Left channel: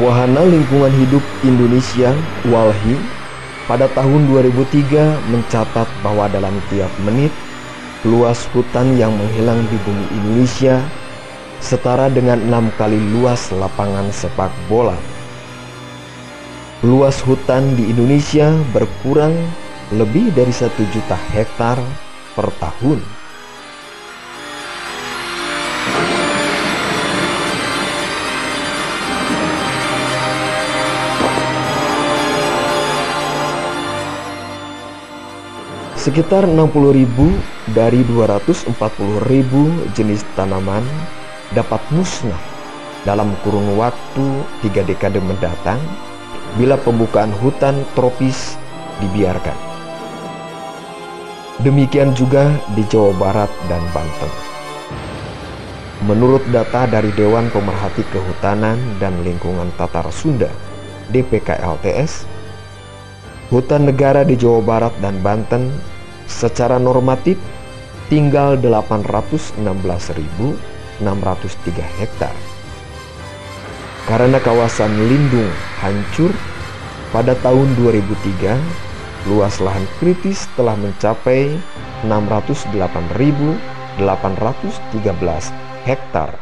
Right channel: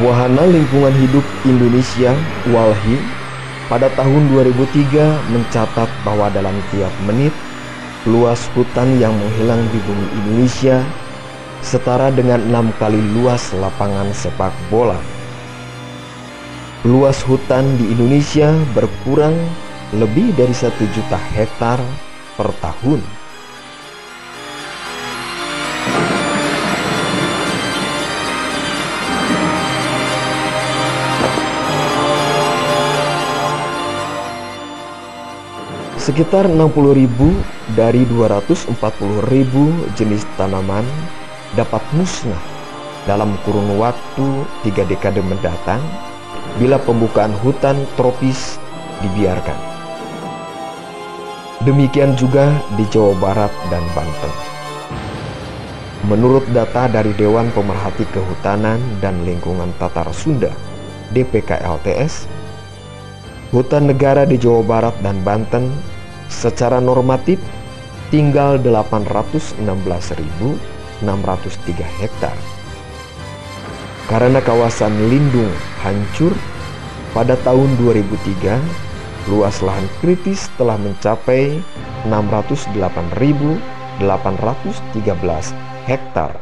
Wahana Lingkungan Hidup Indonesia (WALHI) pada tahun 2003 mencatat bahwa dalam tiap menit, luas hutan yang menghilang di bumi Indonesia setara dengan 6 kali luas lapangan sepak bola. Luas hutan di Indonesia berkurang lebih dari 1 juta hektar per tahun. Sekitar 60.000 dari 240.000 jenis tanaman dapat musnah dalam kurun waktu 3 dekade mendatang bila pembukaan hutan tropis dibiarkan. Demikian juga di Jawa Barat dan Banten. Menurut data dari Dewan Pemerhati Kehutanan dan Lingkungan Tatar Sunda (DPKLTS), hutan negara di Jawa Barat dan Banten secara normatif tinggal 816.603 hektar. Karena kawasan lindung hancur pada tahun 2003, luas lahan kritis telah mencapai 608.813 hektar.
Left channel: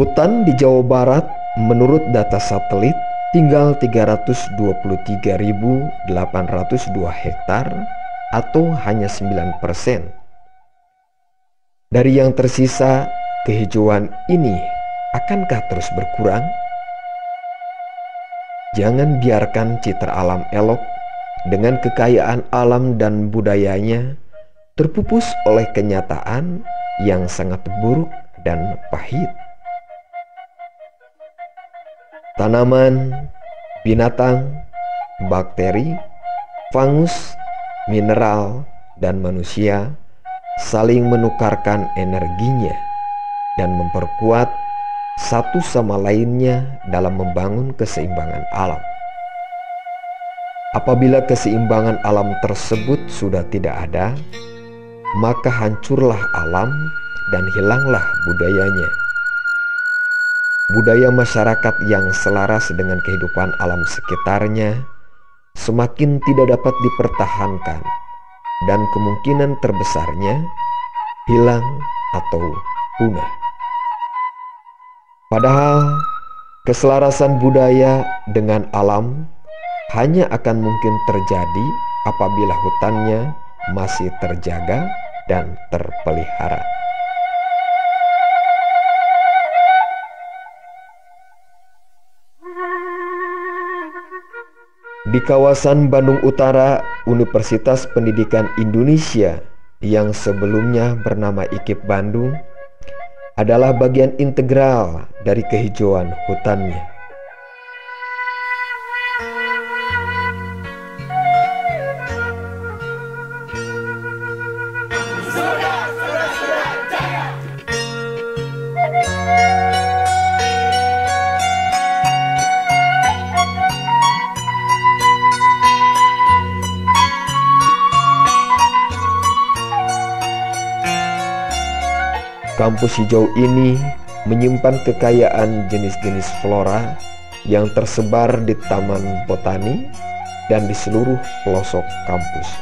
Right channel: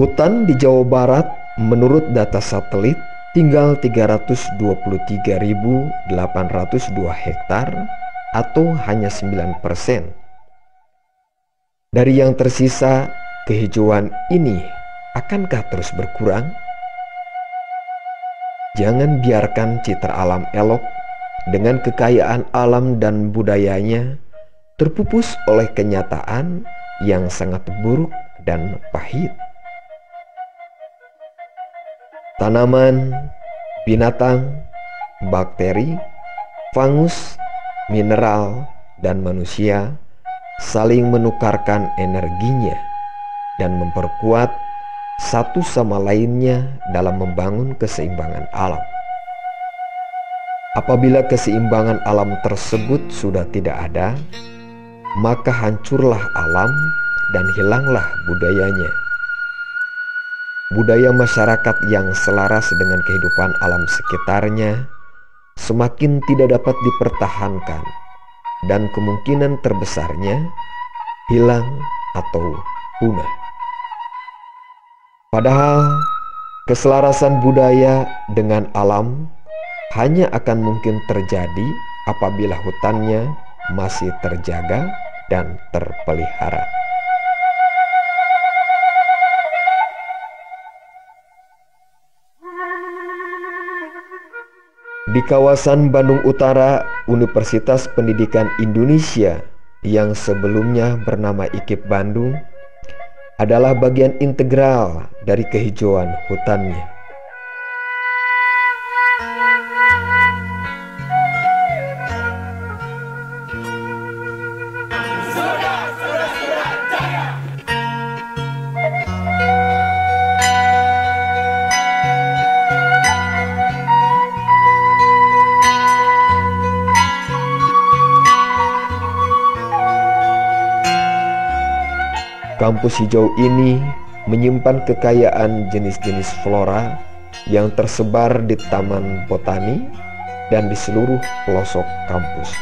Hutan di Jawa Barat menurut data satelit tinggal 323.802 hektar atau hanya 9%. Dari yang tersisa, kehijauan ini akankah terus berkurang? Jangan biarkan citra alam elok dengan kekayaan alam dan budayanya terpupus oleh kenyataan yang sangat buruk dan pahit. Tanaman, binatang, bakteri, fungus, mineral, dan manusia saling menukarkan energinya dan memperkuat satu sama lainnya dalam membangun keseimbangan alam. Apabila keseimbangan alam tersebut sudah tidak ada, maka hancurlah alam dan hilanglah budayanya. Budaya masyarakat yang selaras dengan kehidupan alam sekitarnya semakin tidak dapat dipertahankan dan kemungkinan terbesarnya hilang atau punah. Padahal keselarasan budaya dengan alam hanya akan mungkin terjadi apabila hutannya masih terjaga dan terpelihara. Di kawasan Bandung Utara, Universitas Pendidikan Indonesia yang sebelumnya bernama IKIP Bandung adalah bagian integral dari kehijauan hutannya. Kampus hijau ini menyimpan kekayaan jenis-jenis flora yang tersebar di taman botani dan di seluruh pelosok kampus.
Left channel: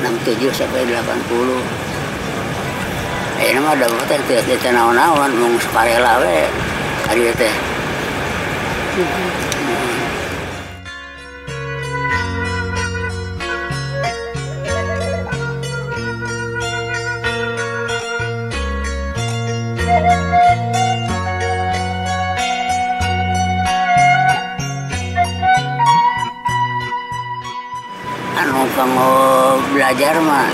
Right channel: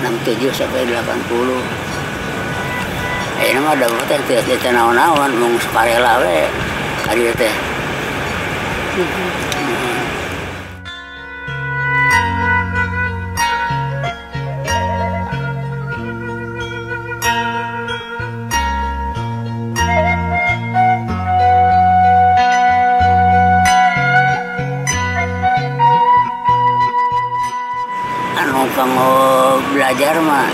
67 sampai 80. Ini mah ada teh teh naon-naon mung sukarela we ka dieu teh. Anu kamu belajar mah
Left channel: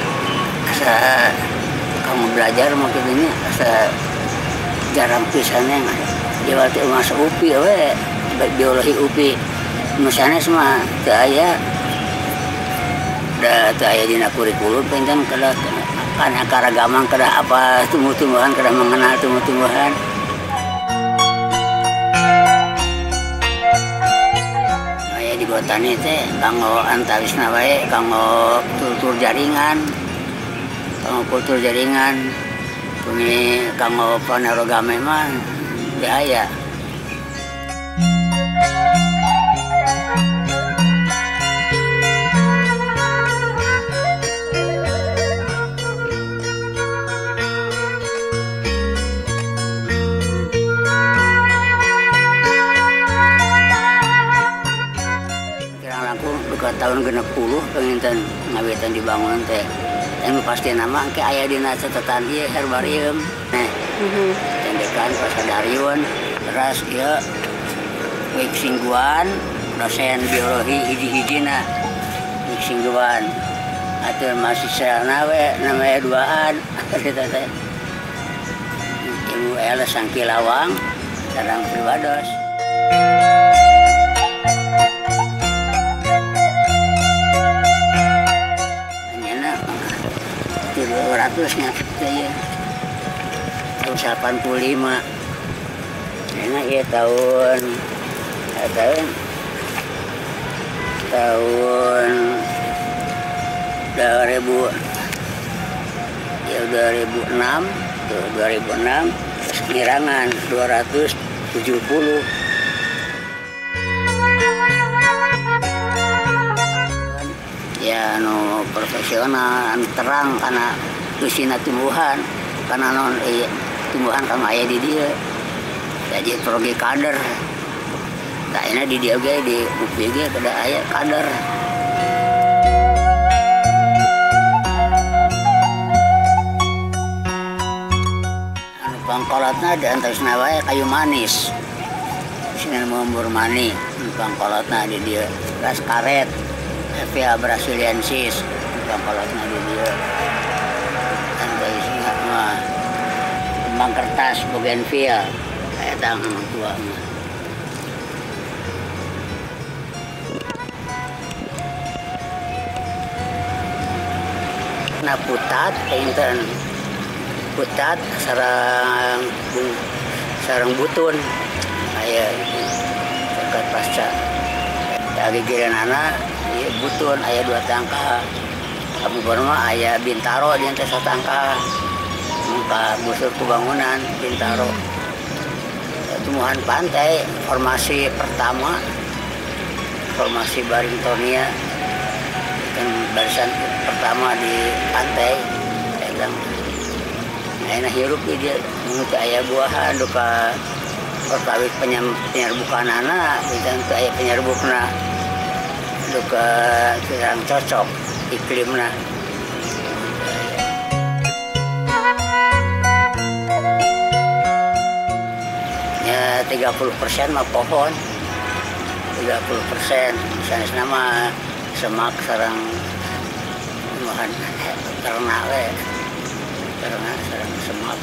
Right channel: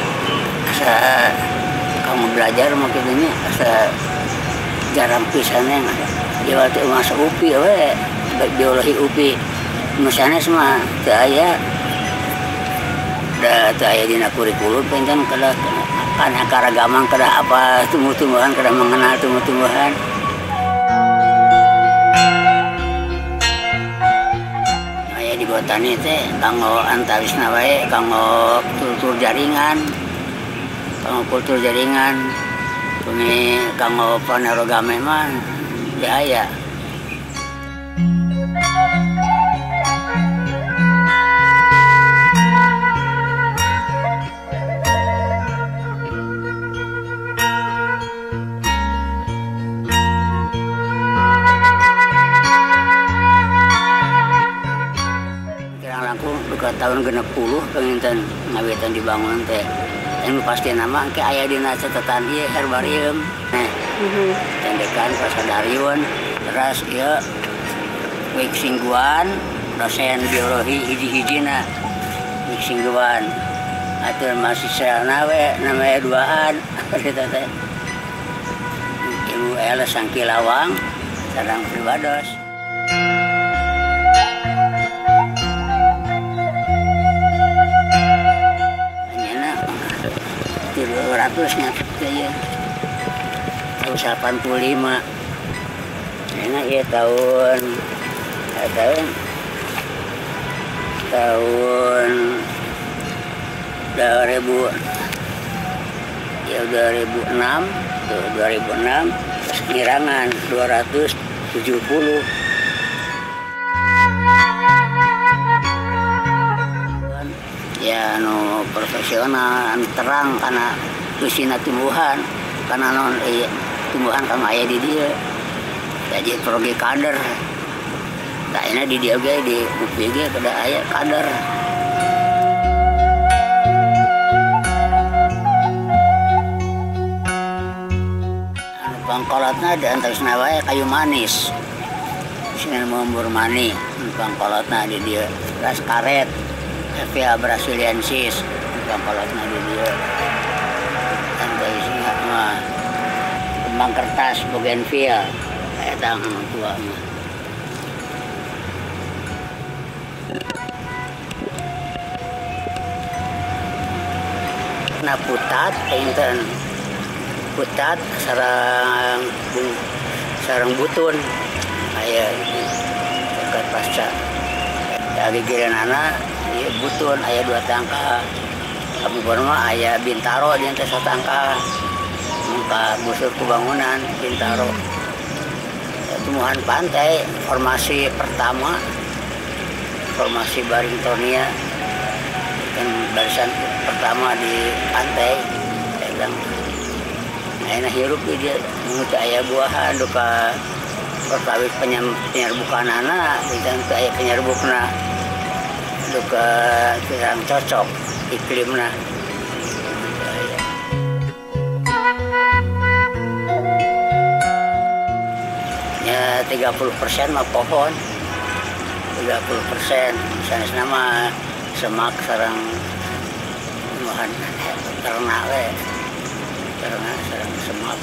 kamu belajar mah kitu asa jarang pisannya dia waktu masuk UPI we biologi UPI nu sanes mah teu aya da teu aya dina kurikulum pencan kada kana karagaman kada apa tumbuh-tumbuhan kada mengenal tumbuh-tumbuhan. Aya di botani teh kanggo antawisna wae kanggo kultur jaringan. Kanggo kultur jaringan, puni kanggo panerogame mah aya. Kirang langkung duka tahun 60 penginten ngawitan dibangun teh. Yang pasti nama ke aya dina catatan ieu herbarium. Tendekan pasadariun terus ieu Wixingguan dosen biologi hiji-hijina Wixingguan. Atur mahasiswana we namanya duaan eta teh. Ibu Ella Sangkilawang sareng Pribados. Ratusnya ya tahun 85 enak ya tahun 2000 ya 2006 tuh 2006 terus Kirangan 270 ya no profesional terang karena tusina tumbuhan karena non tumbuhan kama aya di dia jadi progi kader tak enak di dia ge di UPI ge kada aya kader. Anu pangkolotna di antawisna wae kayu manis sini mumbur mani pangkolotna di dia ras karet Hevea brasiliensis pangkolotna di dia. Kembang kertas bougainville kayak tang tua mah. Nah putat enten putat sarang butun aya dekat pasca dari giranana ieu butun aya 2 tangka. Kamu mah aya bintaro di teh satangka. Muka busur kebangunan Bintaro. Tumbuhan pantai formasi pertama formasi Barringtonia kan barisan pertama di pantai elang. Nah hirup dia mengutu aya buahan duka perkawit penyerbukanana dan aya penyerbukna duka kurang cocok iklimna. Ya 30% mah pohon, 30% sanes nama semak sarang tumbuhan ternak we, ternak sarang semak.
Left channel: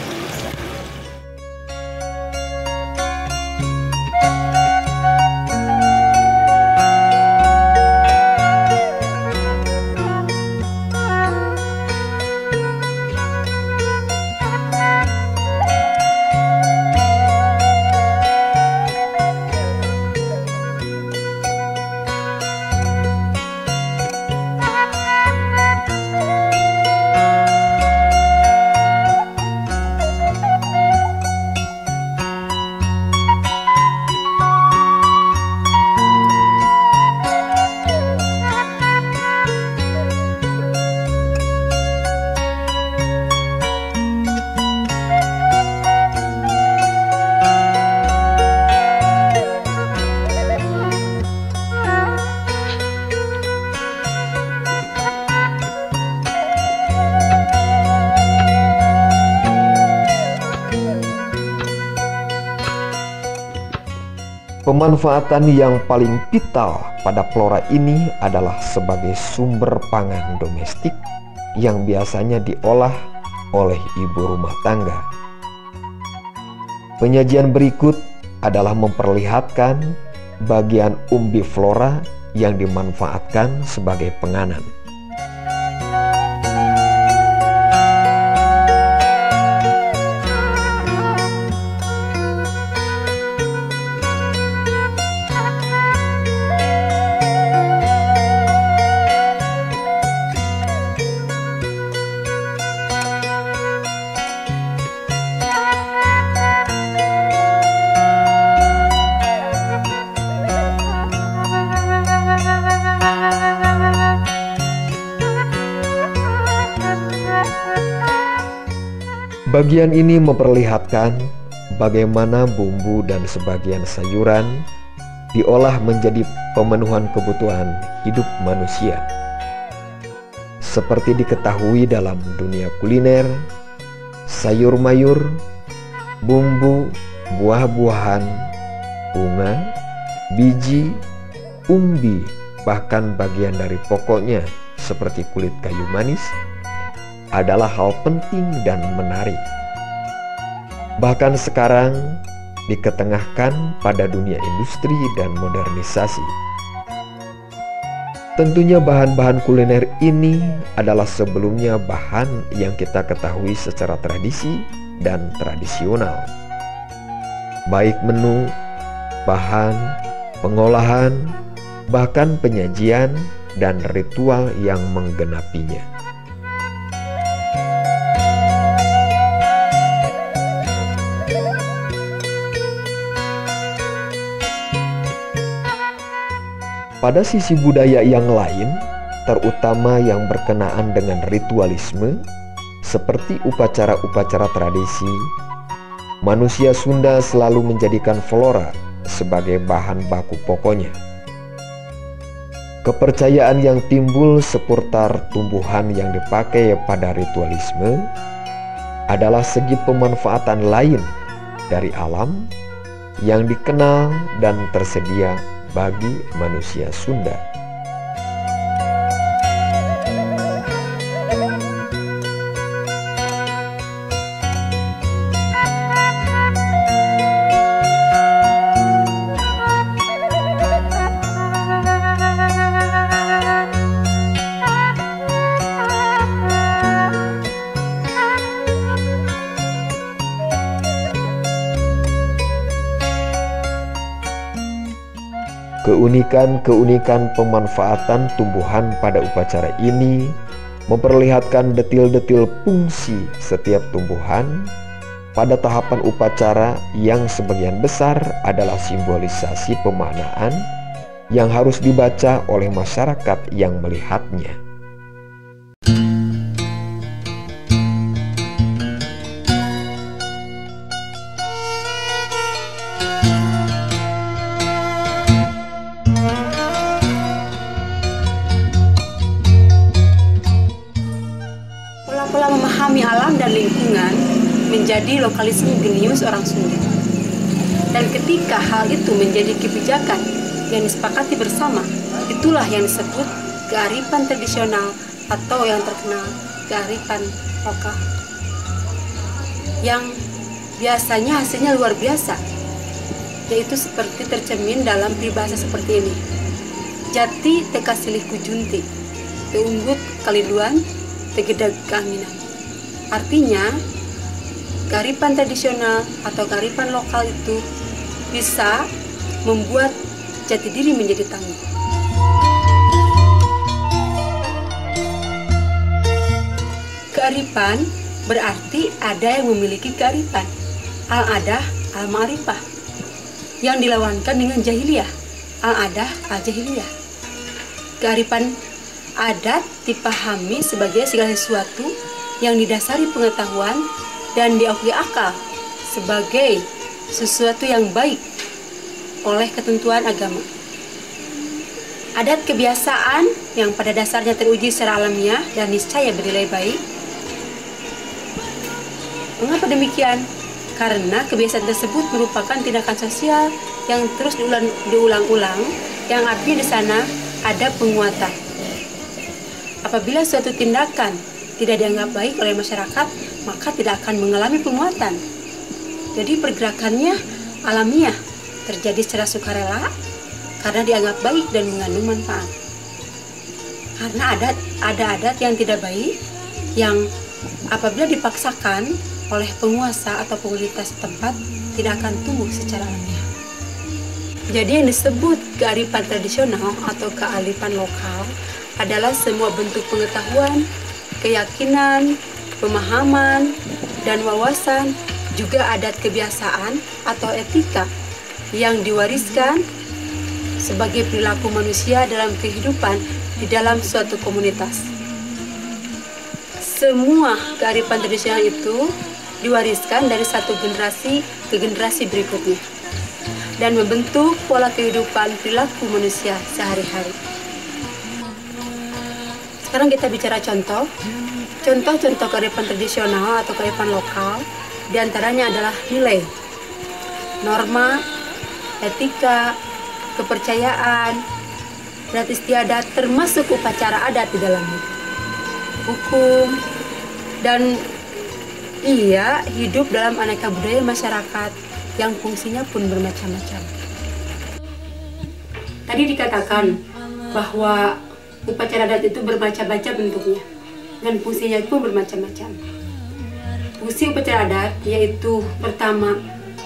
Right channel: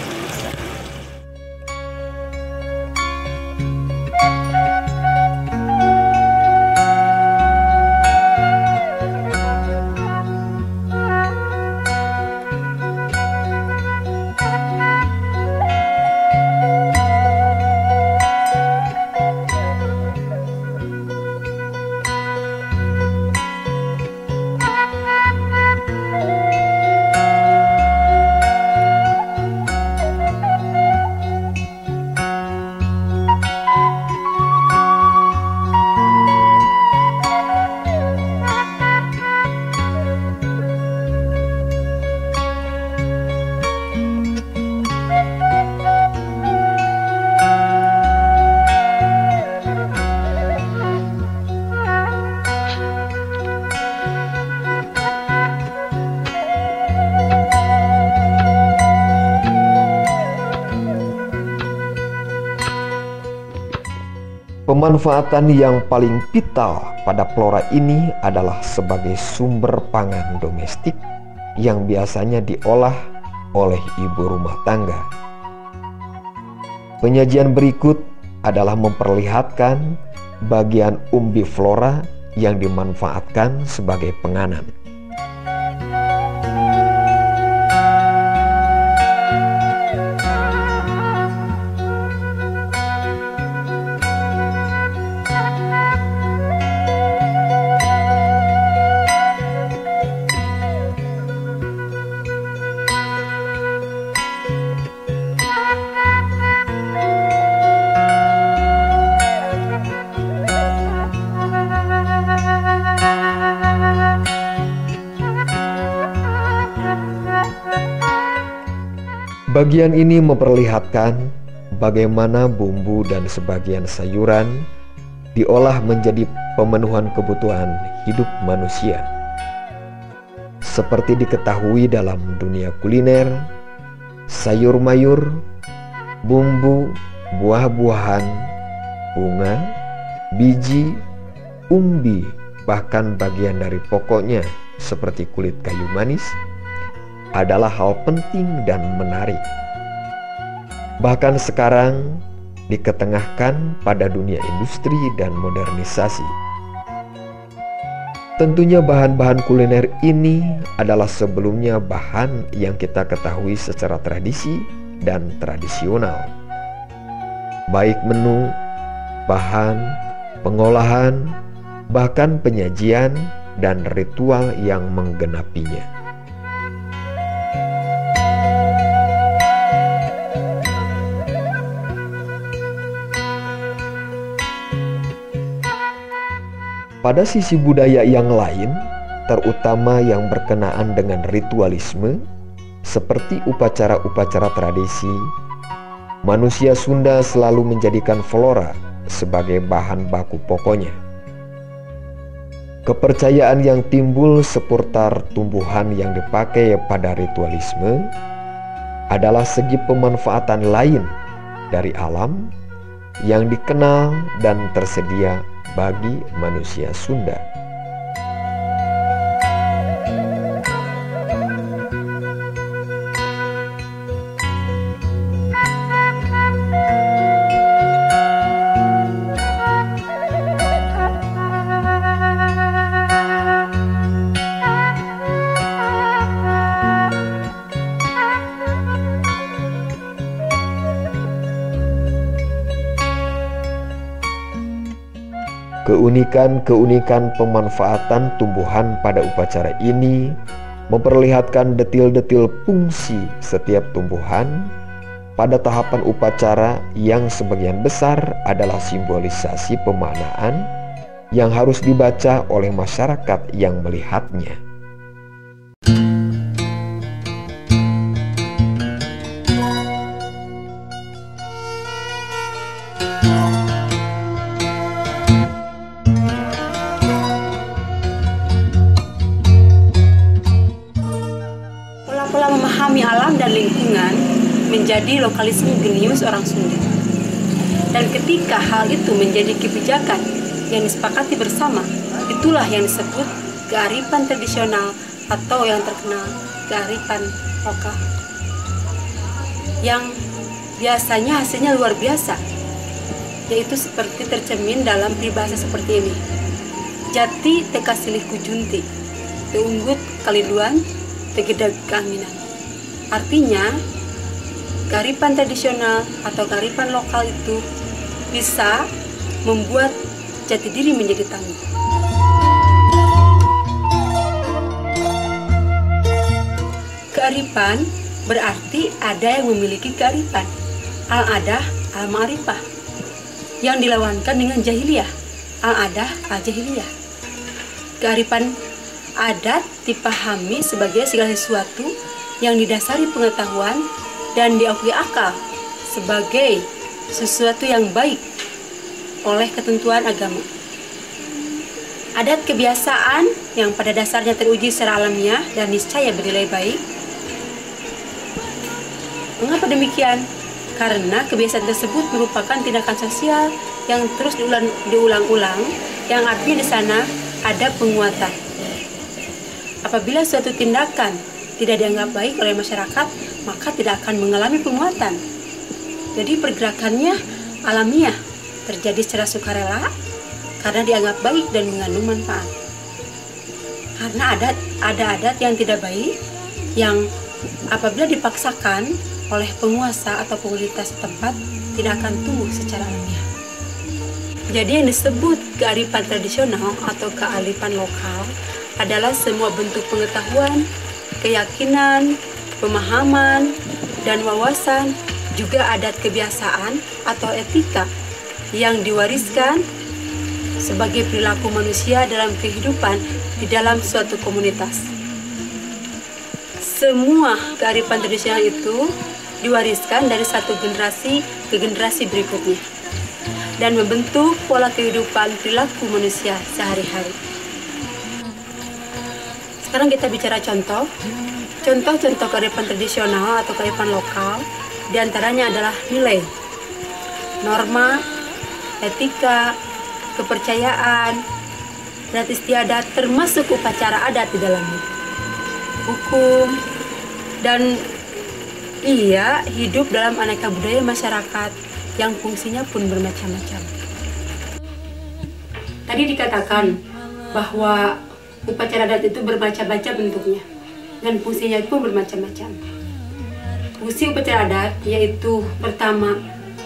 Pemanfaatan yang paling vital pada flora ini adalah sebagai sumber pangan domestik yang biasanya diolah oleh ibu rumah tangga. Penyajian berikut adalah memperlihatkan bagian umbiflora yang dimanfaatkan sebagai penganan. Bagian ini memperlihatkan bagaimana bumbu dan sebagian sayuran diolah menjadi pemenuhan kebutuhan hidup manusia. Seperti diketahui dalam dunia kuliner, sayur mayur, bumbu, buah-buahan, bunga, biji, umbi, bahkan bagian dari pokoknya seperti kulit kayu manis adalah hal penting dan menarik. Bahkan sekarang diketengahkan pada dunia industri dan modernisasi. Tentunya bahan-bahan kuliner ini adalah sebelumnya bahan yang kita ketahui secara tradisi dan tradisional. Baik menu, bahan, pengolahan, bahkan penyajian dan ritual yang menggenapinya. Pada sisi budaya yang lain, terutama yang berkenaan dengan ritualisme, seperti upacara-upacara tradisi, manusia Sunda selalu menjadikan flora sebagai bahan baku pokoknya. Kepercayaan yang timbul seputar tumbuhan yang dipakai pada ritualisme adalah segi pemanfaatan lain dari alam yang dikenal dan tersedia bagi manusia Sunda. Keunikan pemanfaatan tumbuhan pada upacara ini memperlihatkan detil-detil fungsi setiap tumbuhan pada tahapan upacara yang sebagian besar adalah simbolisasi pemaknaan yang harus dibaca oleh masyarakat yang melihatnya. Pola memahami alam dan lingkungan menjadi lokalisme jenius orang Sunda. Dan ketika hal itu menjadi kebijakan yang disepakati bersama, itulah yang disebut kearifan tradisional atau yang terkenal kearifan lokal. Yang biasanya hasilnya luar biasa, yaitu seperti tercermin dalam peribahasa seperti ini. Jati teka silih kujunti, teunggut kaliduan, tegedag keangginan. Artinya, kearifan tradisional atau kearifan lokal itu bisa membuat jati diri menjadi tangguh. Kearifan berarti ada yang memiliki kearifan, al-adah, al-ma'rifah, yang dilawankan dengan jahiliyah, al-adah, al-jahiliyah. Kearifan adat dipahami sebagai segala sesuatu yang didasari pengetahuan dan diakui akal sebagai sesuatu yang baik oleh ketentuan agama. Adat kebiasaan yang pada dasarnya teruji secara alamiah dan niscaya bernilai baik. Mengapa demikian? Karena kebiasaan tersebut merupakan tindakan sosial yang terus diulang-ulang, yang artinya di sana ada penguatan. Apabila suatu tindakan tidak dianggap baik oleh masyarakat, maka tidak akan mengalami penguatan. Jadi pergerakannya alamiah, terjadi secara sukarela karena dianggap baik dan mengandung manfaat. Karena ada adat yang tidak baik yang apabila dipaksakan oleh penguasa atau komunitas setempat tidak akan tumbuh secara alamiah. Jadi yang disebut kearifan tradisional atau kearifan lokal adalah semua bentuk pengetahuan, keyakinan, pemahaman, dan wawasan, juga adat kebiasaan atau etika yang diwariskan sebagai perilaku manusia dalam kehidupan di dalam suatu komunitas. Semua kearifan tradisional itu diwariskan dari satu generasi ke generasi berikutnya dan membentuk pola kehidupan perilaku manusia sehari-hari. Sekarang kita bicara contoh kearifan tradisional atau kearifan lokal, diantaranya adalah nilai, norma, etika, kepercayaan, adat istiadat, termasuk upacara adat di dalamnya, hukum, dan ia hidup dalam aneka budaya masyarakat yang fungsinya pun bermacam-macam. Tadi dikatakan bahwa upacara adat itu bermacam-macam bentuknya dan fungsinya pun bermacam-macam. Fungsi upacara adat yaitu pertama,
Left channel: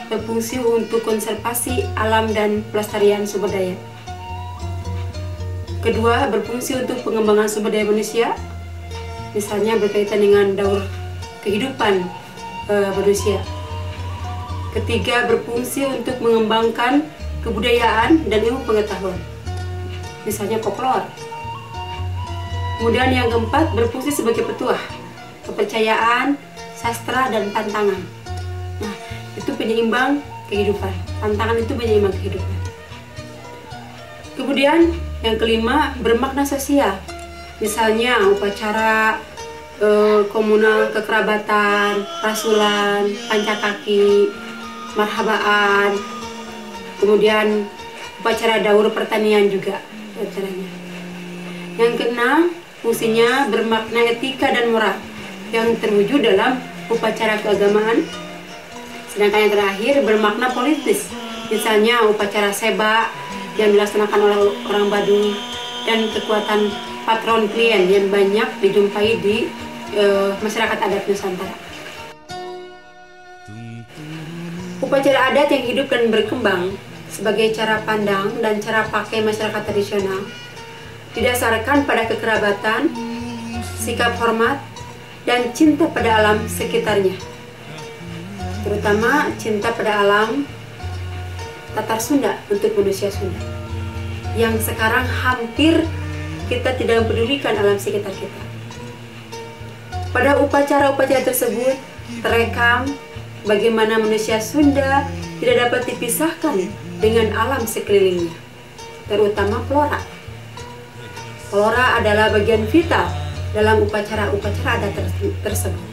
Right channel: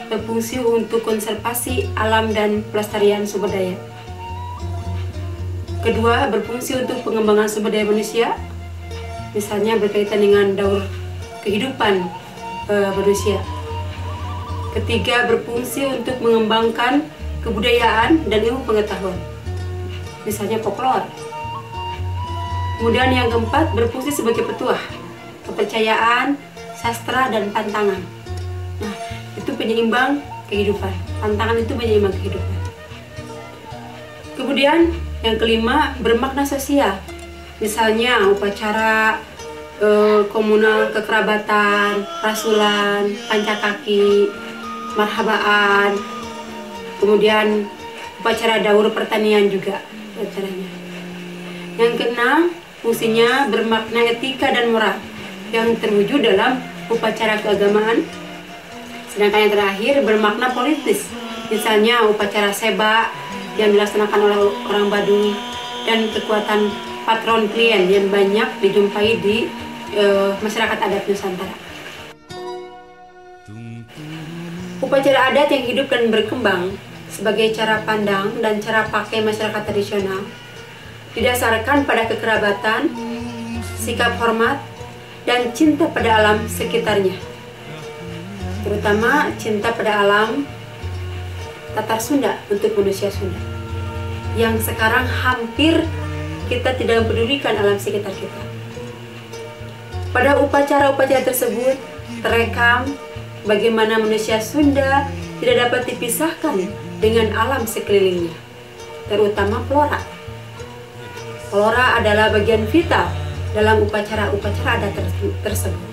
berfungsi untuk konservasi alam dan pelestarian sumber daya. Kedua, berfungsi untuk pengembangan sumber daya manusia, misalnya berkaitan dengan daur kehidupan manusia. Ketiga, berfungsi untuk mengembangkan kebudayaan dan ilmu pengetahuan, misalnya folklore. Kemudian yang keempat, berfungsi sebagai petuah, kepercayaan, sastra, dan pantangan. Nah, itu penyeimbang kehidupan. Pantangan itu penyeimbang kehidupan. Kemudian yang kelima, bermakna sosial. Misalnya upacara komunal kekerabatan, rasulan, pancakaki, marhabaan. Kemudian upacara daur pertanian juga acaranya. Yang keenam, fungsinya bermakna etika dan moral yang terwujud dalam upacara keagamaan. Sedangkan yang terakhir bermakna politis, misalnya upacara seba yang dilaksanakan oleh orang Baduy dan kekuatan patron klien yang banyak dijumpai di masyarakat adat Nusantara. Upacara adat yang hidup dan berkembang sebagai cara pandang dan cara pakai masyarakat tradisional didasarkan pada kekerabatan, sikap hormat, dan cinta pada alam sekitarnya, terutama cinta pada alam Tatar Sunda untuk manusia Sunda, yang sekarang hampir kita tidak mempedulikan alam sekitar kita. Pada upacara-upacara tersebut terekam bagaimana manusia Sunda tidak dapat dipisahkan dengan alam sekelilingnya, terutama flora. Flora adalah bagian vital dalam upacara-upacara adat tersebut,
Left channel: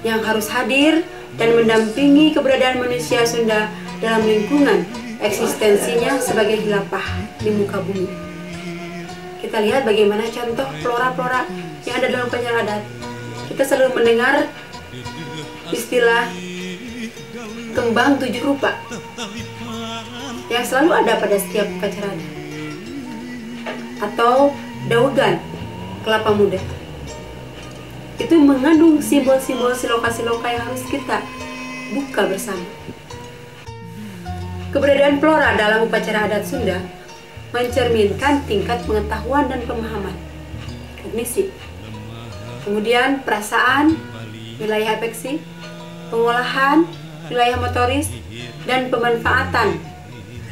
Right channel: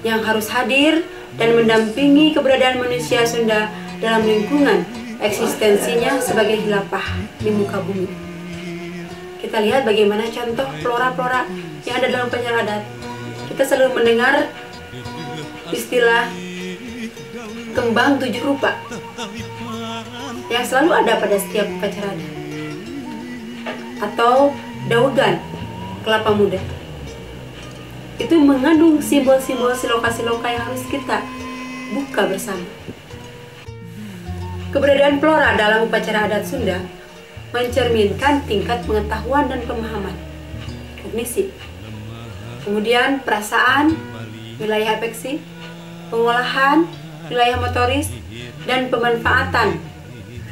yang harus hadir dan mendampingi keberadaan manusia Sunda dalam lingkungan eksistensinya sebagai khilafah di muka bumi. Kita lihat bagaimana contoh flora-flora yang ada dalam upacara adat. Kita selalu mendengar istilah kembang 7 rupa yang selalu ada pada setiap upacara adat, atau daugan kelapa muda. Itu mengandung simbol-simbol siloka-siloka yang harus kita buka bersama. Keberadaan flora dalam upacara adat Sunda mencerminkan tingkat pengetahuan dan pemahaman, kognisi, kemudian perasaan, wilayah afeksi, pengolahan, wilayah motoris, dan pemanfaatan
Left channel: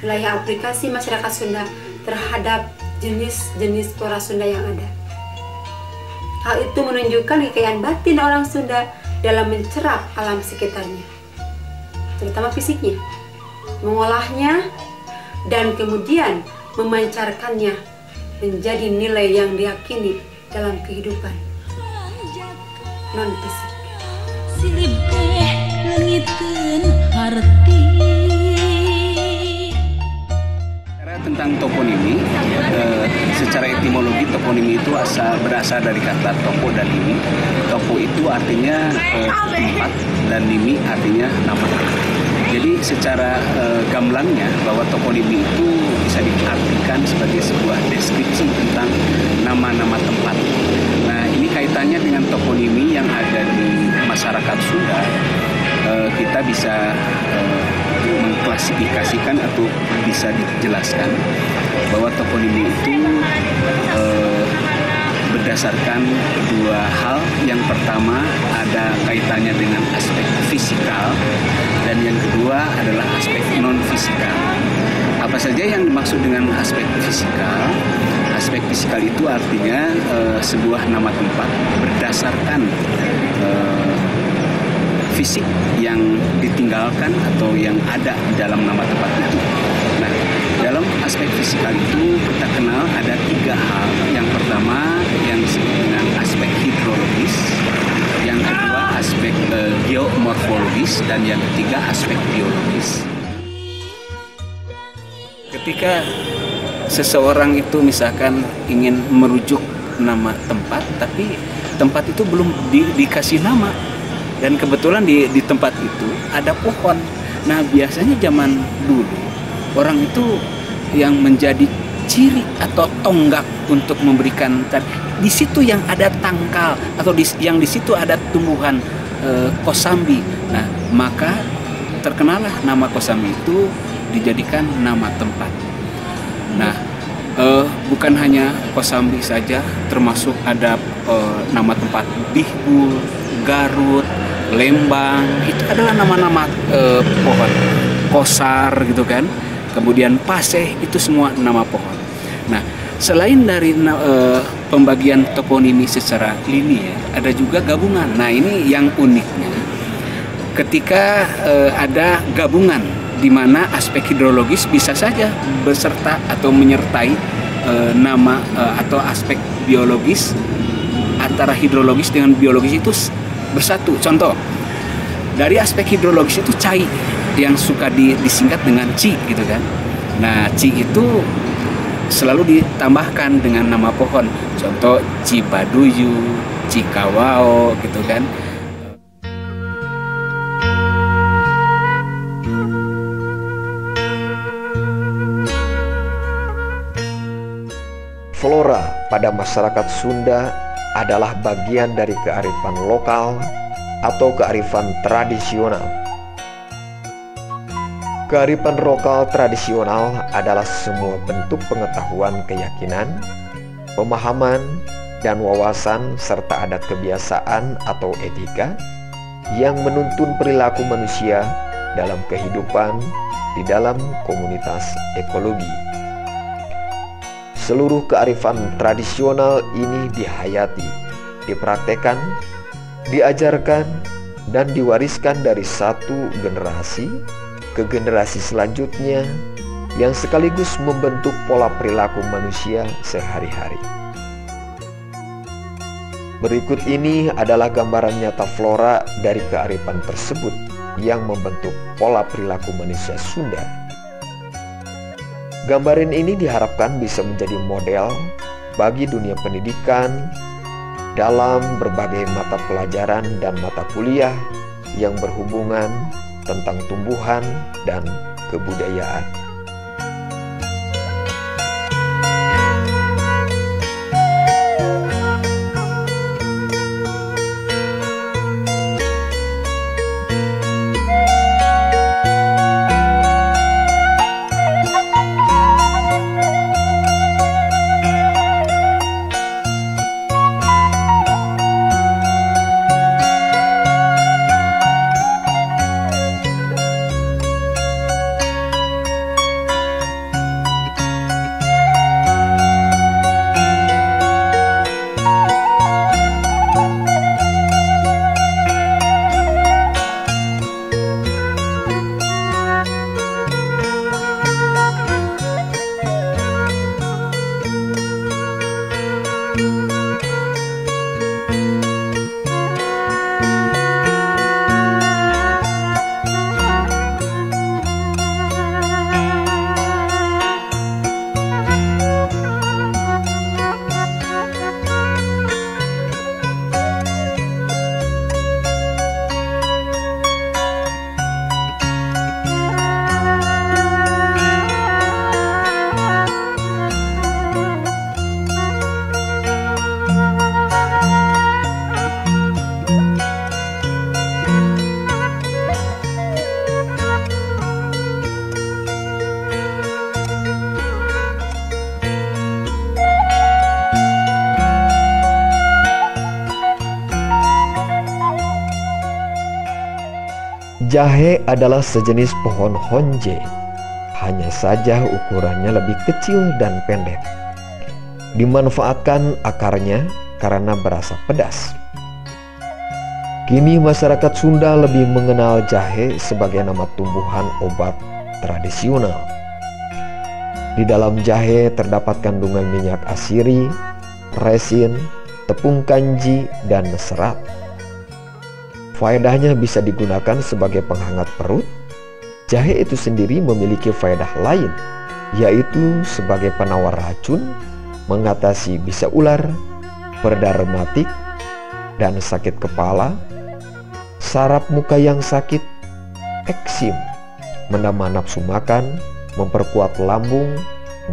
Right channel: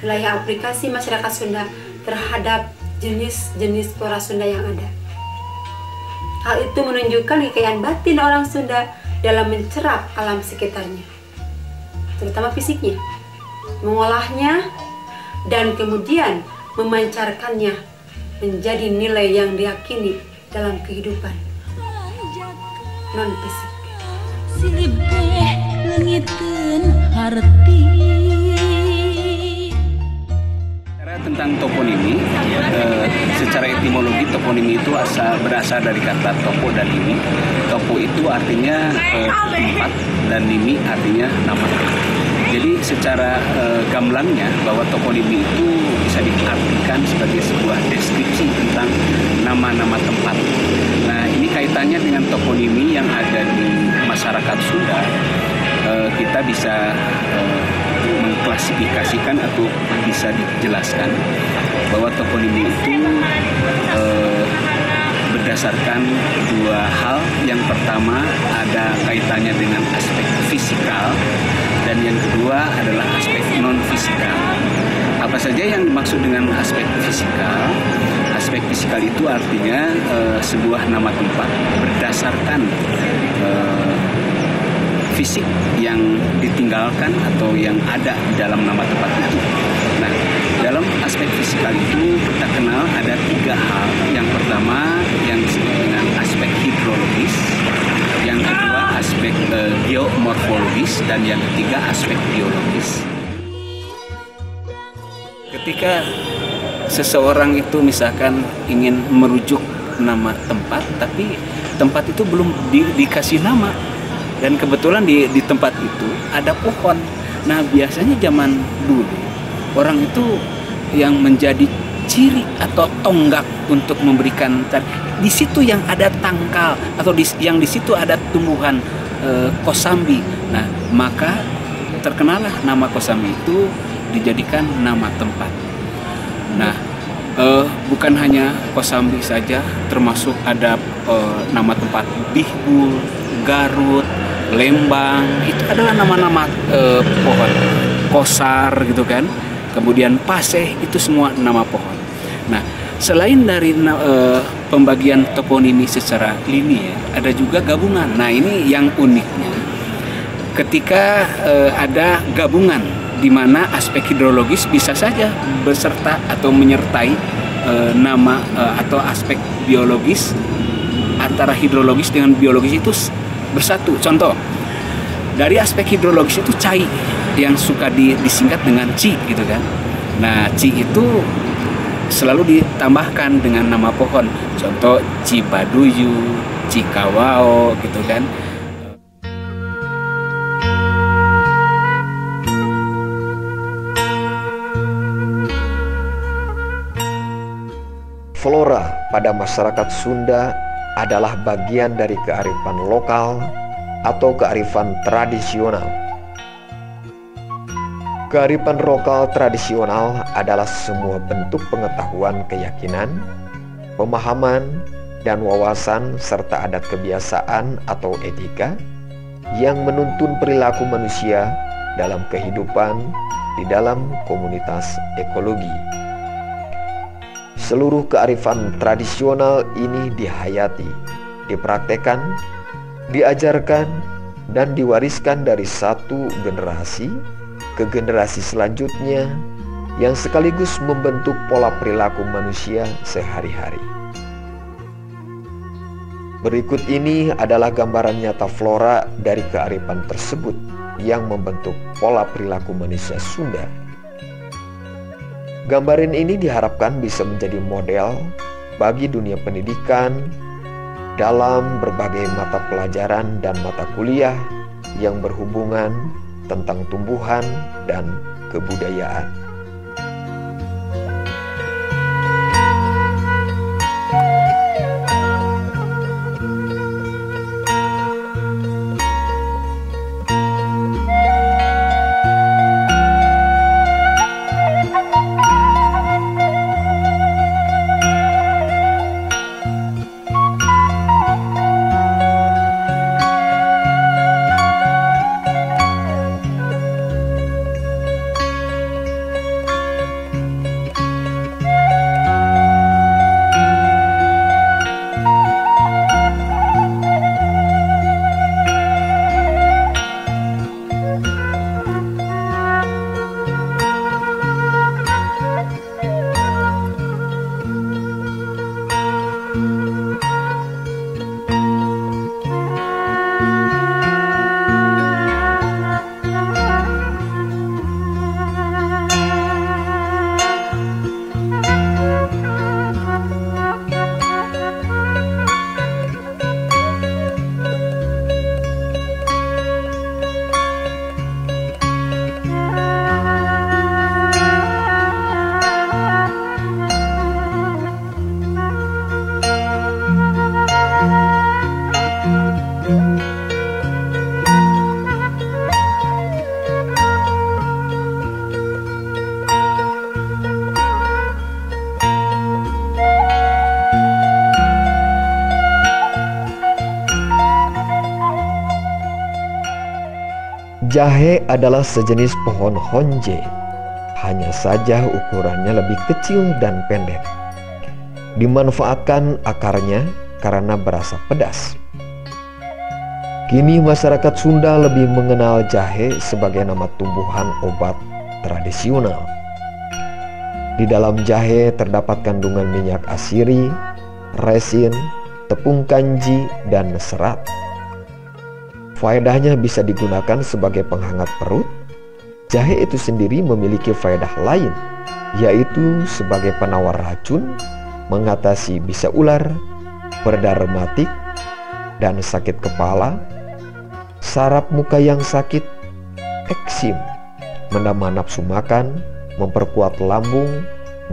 wilayah aplikasi masyarakat Sunda terhadap jenis-jenis flora Sunda yang ada. Hal itu menunjukkan kekayaan batin orang Sunda dalam mencerap alam sekitarnya, terutama fisiknya, mengolahnya, dan kemudian memancarkannya menjadi nilai yang diyakini dalam kehidupan non-fisik. Silih teh leungiteun harti Tentang toponimi, secara etimologi toponimi itu berasal dari kata topo dan nimi. Topo itu artinya tempat dan nimi artinya nama. Jadi secara gamblangnya bahwa toponimi itu bisa diartikan sebagai sebuah deskripsi tentang nama-nama tempat. Nah, ini kaitannya dengan toponimi yang ada di masyarakat Sunda. Kita bisa mengklasifikasikan atau bisa dijelaskan bahwa toponimi itu berdasarkan dua hal. Yang pertama ada kaitannya dengan aspek fisikal dan yang kedua adalah aspek non-fisikal. Apa saja yang dimaksud dengan aspek fisikal? Aspek fisikal itu artinya sebuah nama tempat berdasarkan fisik yang ditinggalkan atau yang ada di dalam nama tempat itu. Nah, dalam aspek fisikal itu kita kenal ada tiga hal. Yang pertama yang disebut dengan aspek hidrologis, yang kedua aspek geomorfologis, dan yang ketiga aspek biologis. Ketika seseorang itu misalkan ingin merujuk nama tempat, tapi tempat itu belum dikasih nama. Dan kebetulan di tempat itu ada pohon. Nah, biasanya zaman dulu orang itu yang menjadi ciri atau tonggak untuk memberikan di situ yang ada tangkal atau yang di situ ada tumbuhan kosambi. Nah, maka terkenalah nama kosambi itu dijadikan nama tempat. Nah, bukan hanya kosambi saja, termasuk ada nama tempat Bihbul, Garut, Lembang, itu adalah nama-nama pohon. Kosar gitu kan. Kemudian Paseh, itu semua nama pohon. Nah, selain dari pembagian toponimi secara linear, ada juga gabungan. Nah, ini yang uniknya. Ketika ada gabungan di mana aspek hidrologis bisa saja beserta atau menyertai nama atau aspek biologis, antara hidrologis dengan biologis itu bersatu. Contoh, dari aspek hidrologis itu cai yang suka disingkat dengan ci gitu kan. Nah, ci itu selalu ditambahkan dengan nama pohon. Contoh Cibaduyu, Cikawao gitu kan. Flora pada masyarakat Sunda adalah bagian dari kearifan lokal atau kearifan tradisional. Kearifan lokal tradisional adalah semua bentuk pengetahuan, keyakinan, pemahaman, dan wawasan serta adat kebiasaan atau etika yang menuntun perilaku manusia dalam kehidupan di dalam komunitas ekologi. Seluruh kearifan tradisional ini dihayati, dipraktekkan, diajarkan, dan diwariskan dari satu generasi ke generasi selanjutnya yang sekaligus membentuk pola perilaku manusia sehari-hari. Berikut ini adalah gambaran nyata flora dari kearifan tersebut yang membentuk pola perilaku manusia Sunda. Gambaran ini diharapkan bisa menjadi model bagi dunia pendidikan dalam berbagai mata pelajaran dan mata kuliah yang berhubungan tentang tumbuhan dan kebudayaan. Jahe adalah sejenis pohon honje, hanya saja ukurannya lebih kecil dan pendek. Dimanfaatkan akarnya karena berasa pedas. Kini masyarakat Sunda lebih mengenal jahe sebagai nama tumbuhan obat tradisional. Di dalam jahe terdapat kandungan minyak asiri, resin, tepung kanji, dan serat. Faedahnya bisa digunakan sebagai penghangat perut. Jahe itu sendiri memiliki faedah lain, yaitu sebagai penawar racun, mengatasi bisa ular, pereda rematik, dan sakit kepala, saraf muka yang sakit, eksim, menambah nafsu makan, memperkuat lambung,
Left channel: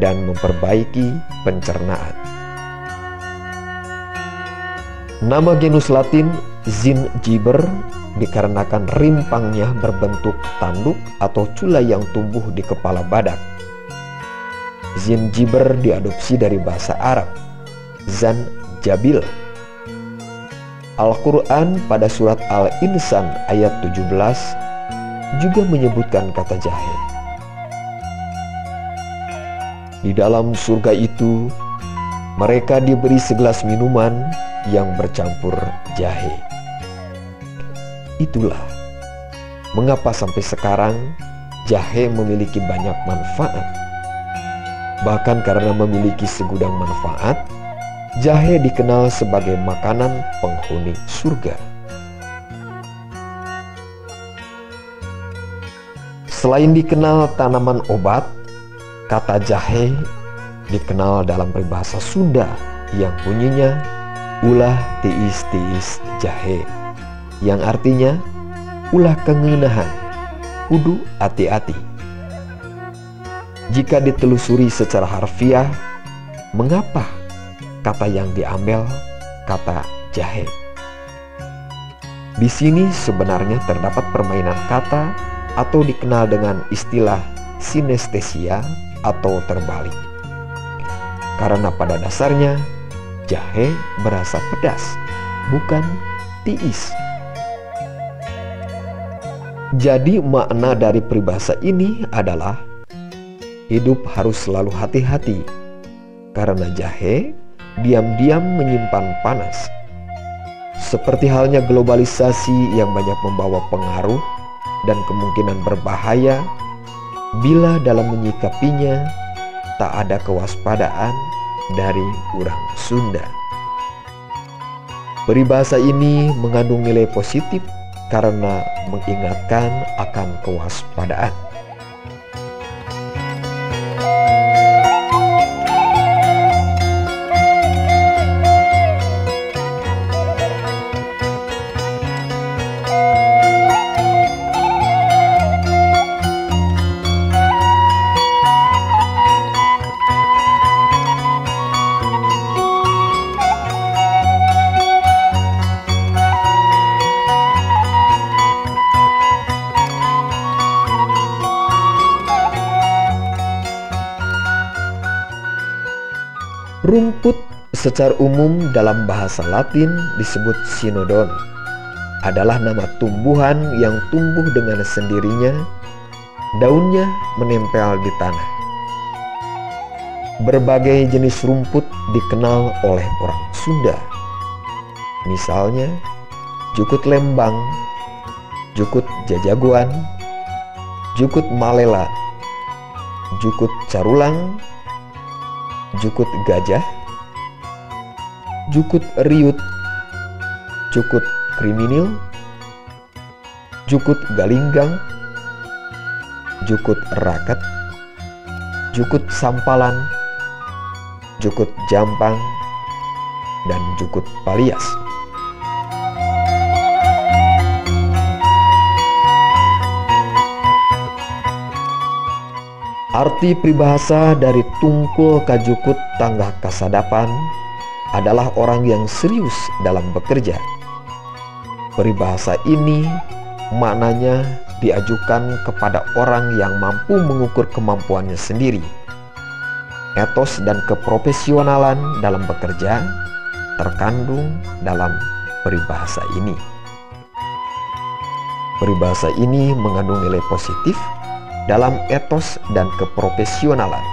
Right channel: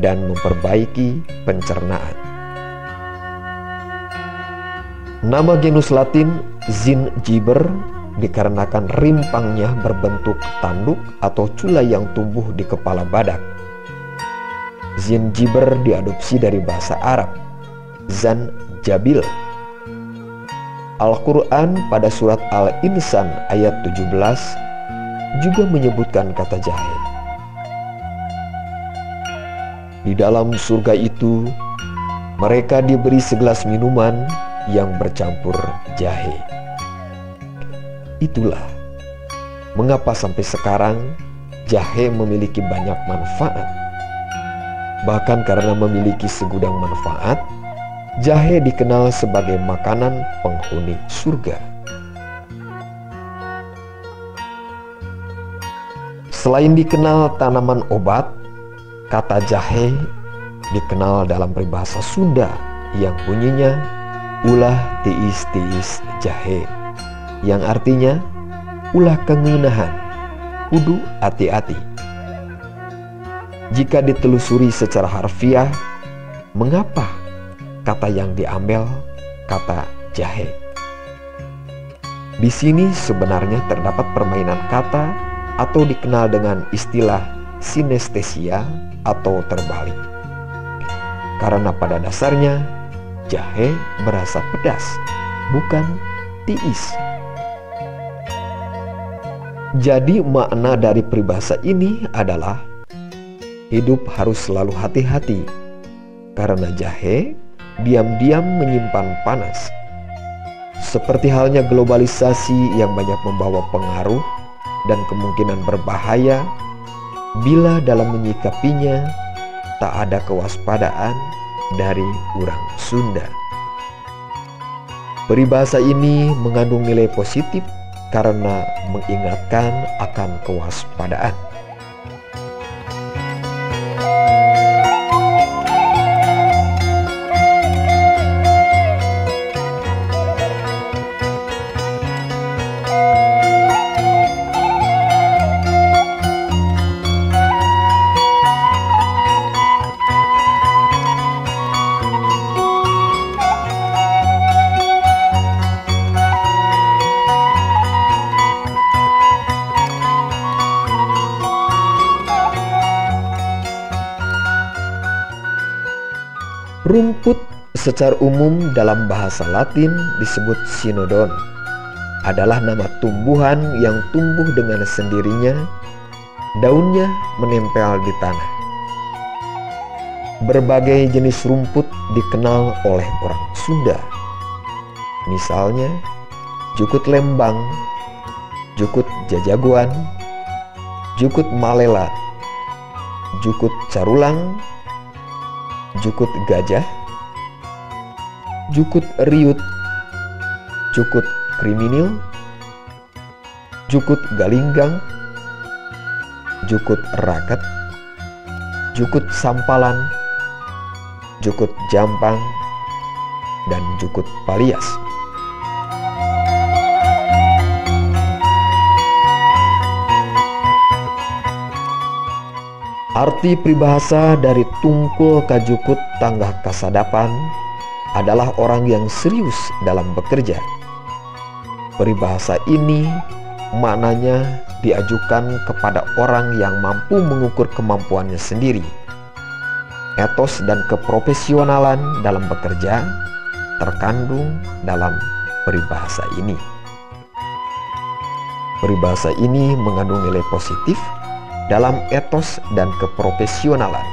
dan memperbaiki pencernaan. Nama genus Latin Zingiber dikarenakan rimpangnya berbentuk tanduk atau cula yang tumbuh di kepala badak. Zingiber diadopsi dari bahasa Arab, Zanjabil. Al-Quran pada surat Al-Insan ayat 17 juga menyebutkan kata jahe. Di dalam surga itu, mereka diberi segelas minuman yang bercampur jahe. Itulah mengapa sampai sekarang jahe memiliki banyak manfaat. Bahkan karena memiliki segudang manfaat, jahe dikenal sebagai makanan penghuni surga. Selain dikenal tanaman obat, kata jahe dikenal dalam peribahasa Sunda yang bunyinya ulah tiis-tiis jahe, yang artinya ulah kengeunahan, kudu hati-hati. Jika ditelusuri secara harfiah, mengapa kata yang diambil kata jahe? Di sini sebenarnya terdapat permainan kata atau dikenal dengan istilah sinestesia atau terbalik. Karena pada dasarnya jahe berasa pedas, bukan tiis. Jadi makna dari peribahasa ini adalah hidup harus selalu hati-hati, karena jahe diam-diam menyimpan panas. Seperti halnya globalisasi yang banyak membawa pengaruh dan kemungkinan berbahaya bila dalam menyikapinya tak ada kewaspadaan dari orang Sunda. Peribahasa ini mengandung nilai positif karena mengingatkan akan kewaspadaan. Rumput secara umum dalam bahasa Latin disebut sinodon, adalah nama tumbuhan yang tumbuh dengan sendirinya, daunnya menempel di tanah. Berbagai jenis rumput dikenal oleh orang Sunda. Misalnya, jukut lembang, jukut jajaguan, jukut malela, jukut carulang, jukut gajah, jukut riut, jukut kriminil, jukut galinggang, jukut raket, jukut sampalan, jukut jampang, dan jukut palias. Arti peribahasa dari tungkul kajukut tangga kasadapan adalah orang yang serius dalam bekerja. Peribahasa ini maknanya diajukan kepada orang yang mampu mengukur kemampuannya sendiri. Etos dan keprofesionalan dalam bekerja terkandung dalam peribahasa ini. Peribahasa ini mengandung nilai positif dalam etos dan keprofesionalan.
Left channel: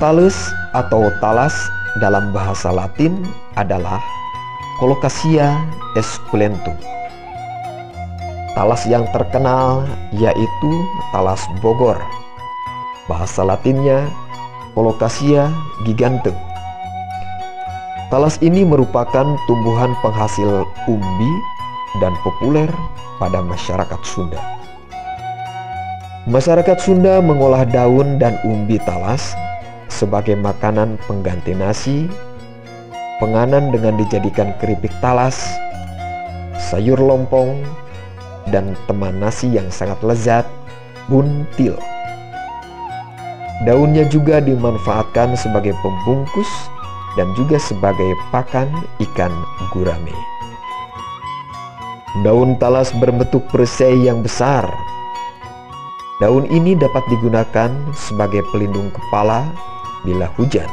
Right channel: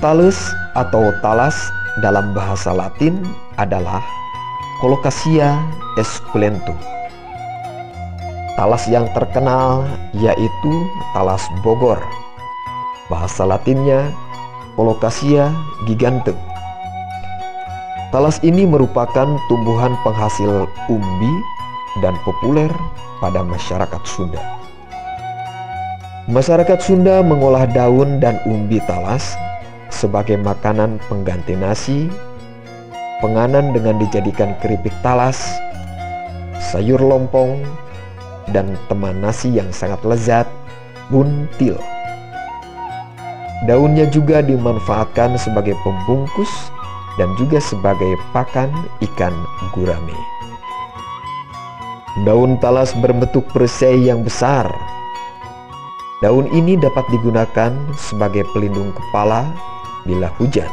Thales atau talas dalam bahasa Latin adalah Colocasia esculentum. Talas yang terkenal yaitu talas Bogor. Bahasa Latinnya Colocasia gigantea. Talas ini merupakan tumbuhan penghasil umbi dan populer pada masyarakat Sunda. Masyarakat Sunda mengolah daun dan umbi talas sebagai makanan pengganti nasi, penganan dengan dijadikan keripik talas, sayur lompong, dan teman nasi yang sangat lezat, buntil. Daunnya juga dimanfaatkan sebagai pembungkus dan juga sebagai pakan ikan gurame. Daun talas berbentuk perisai yang besar. Daun ini dapat digunakan sebagai pelindung kepala bila hujan.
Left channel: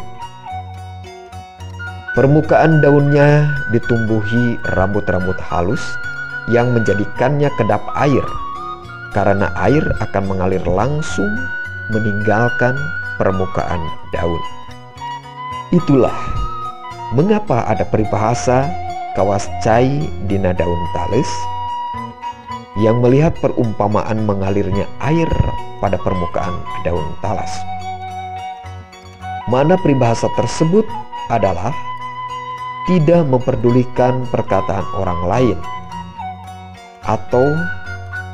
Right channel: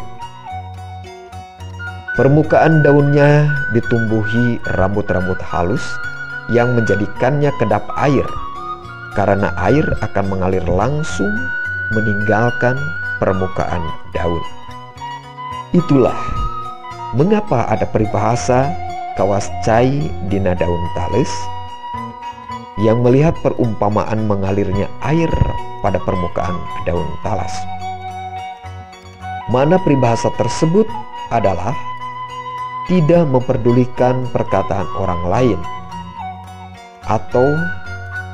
Permukaan daunnya ditumbuhi rambut-rambut halus yang menjadikannya kedap air, karena air akan mengalir langsung meninggalkan permukaan daun. Itulah mengapa ada peribahasa kawas cai dina daun talis yang melihat perumpamaan mengalirnya air pada permukaan daun talas. Mana peribahasa tersebut adalah tidak memperdulikan perkataan orang lain, atau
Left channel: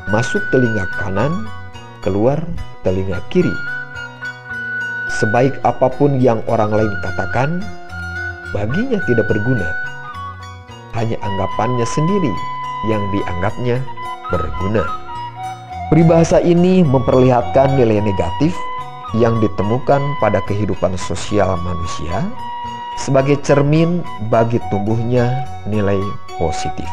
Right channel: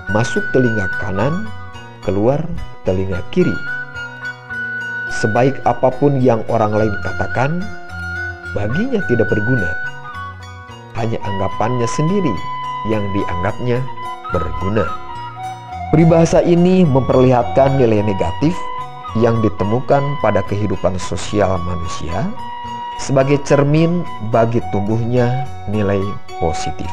masuk telinga kanan, keluar telinga kiri. Sebaik apapun yang orang lain katakan, baginya tidak berguna. Hanya anggapannya sendiri yang dianggapnya berguna. Peribahasa ini memperlihatkan nilai negatif yang ditemukan pada kehidupan sosial manusia sebagai cermin bagi tumbuhnya nilai positif.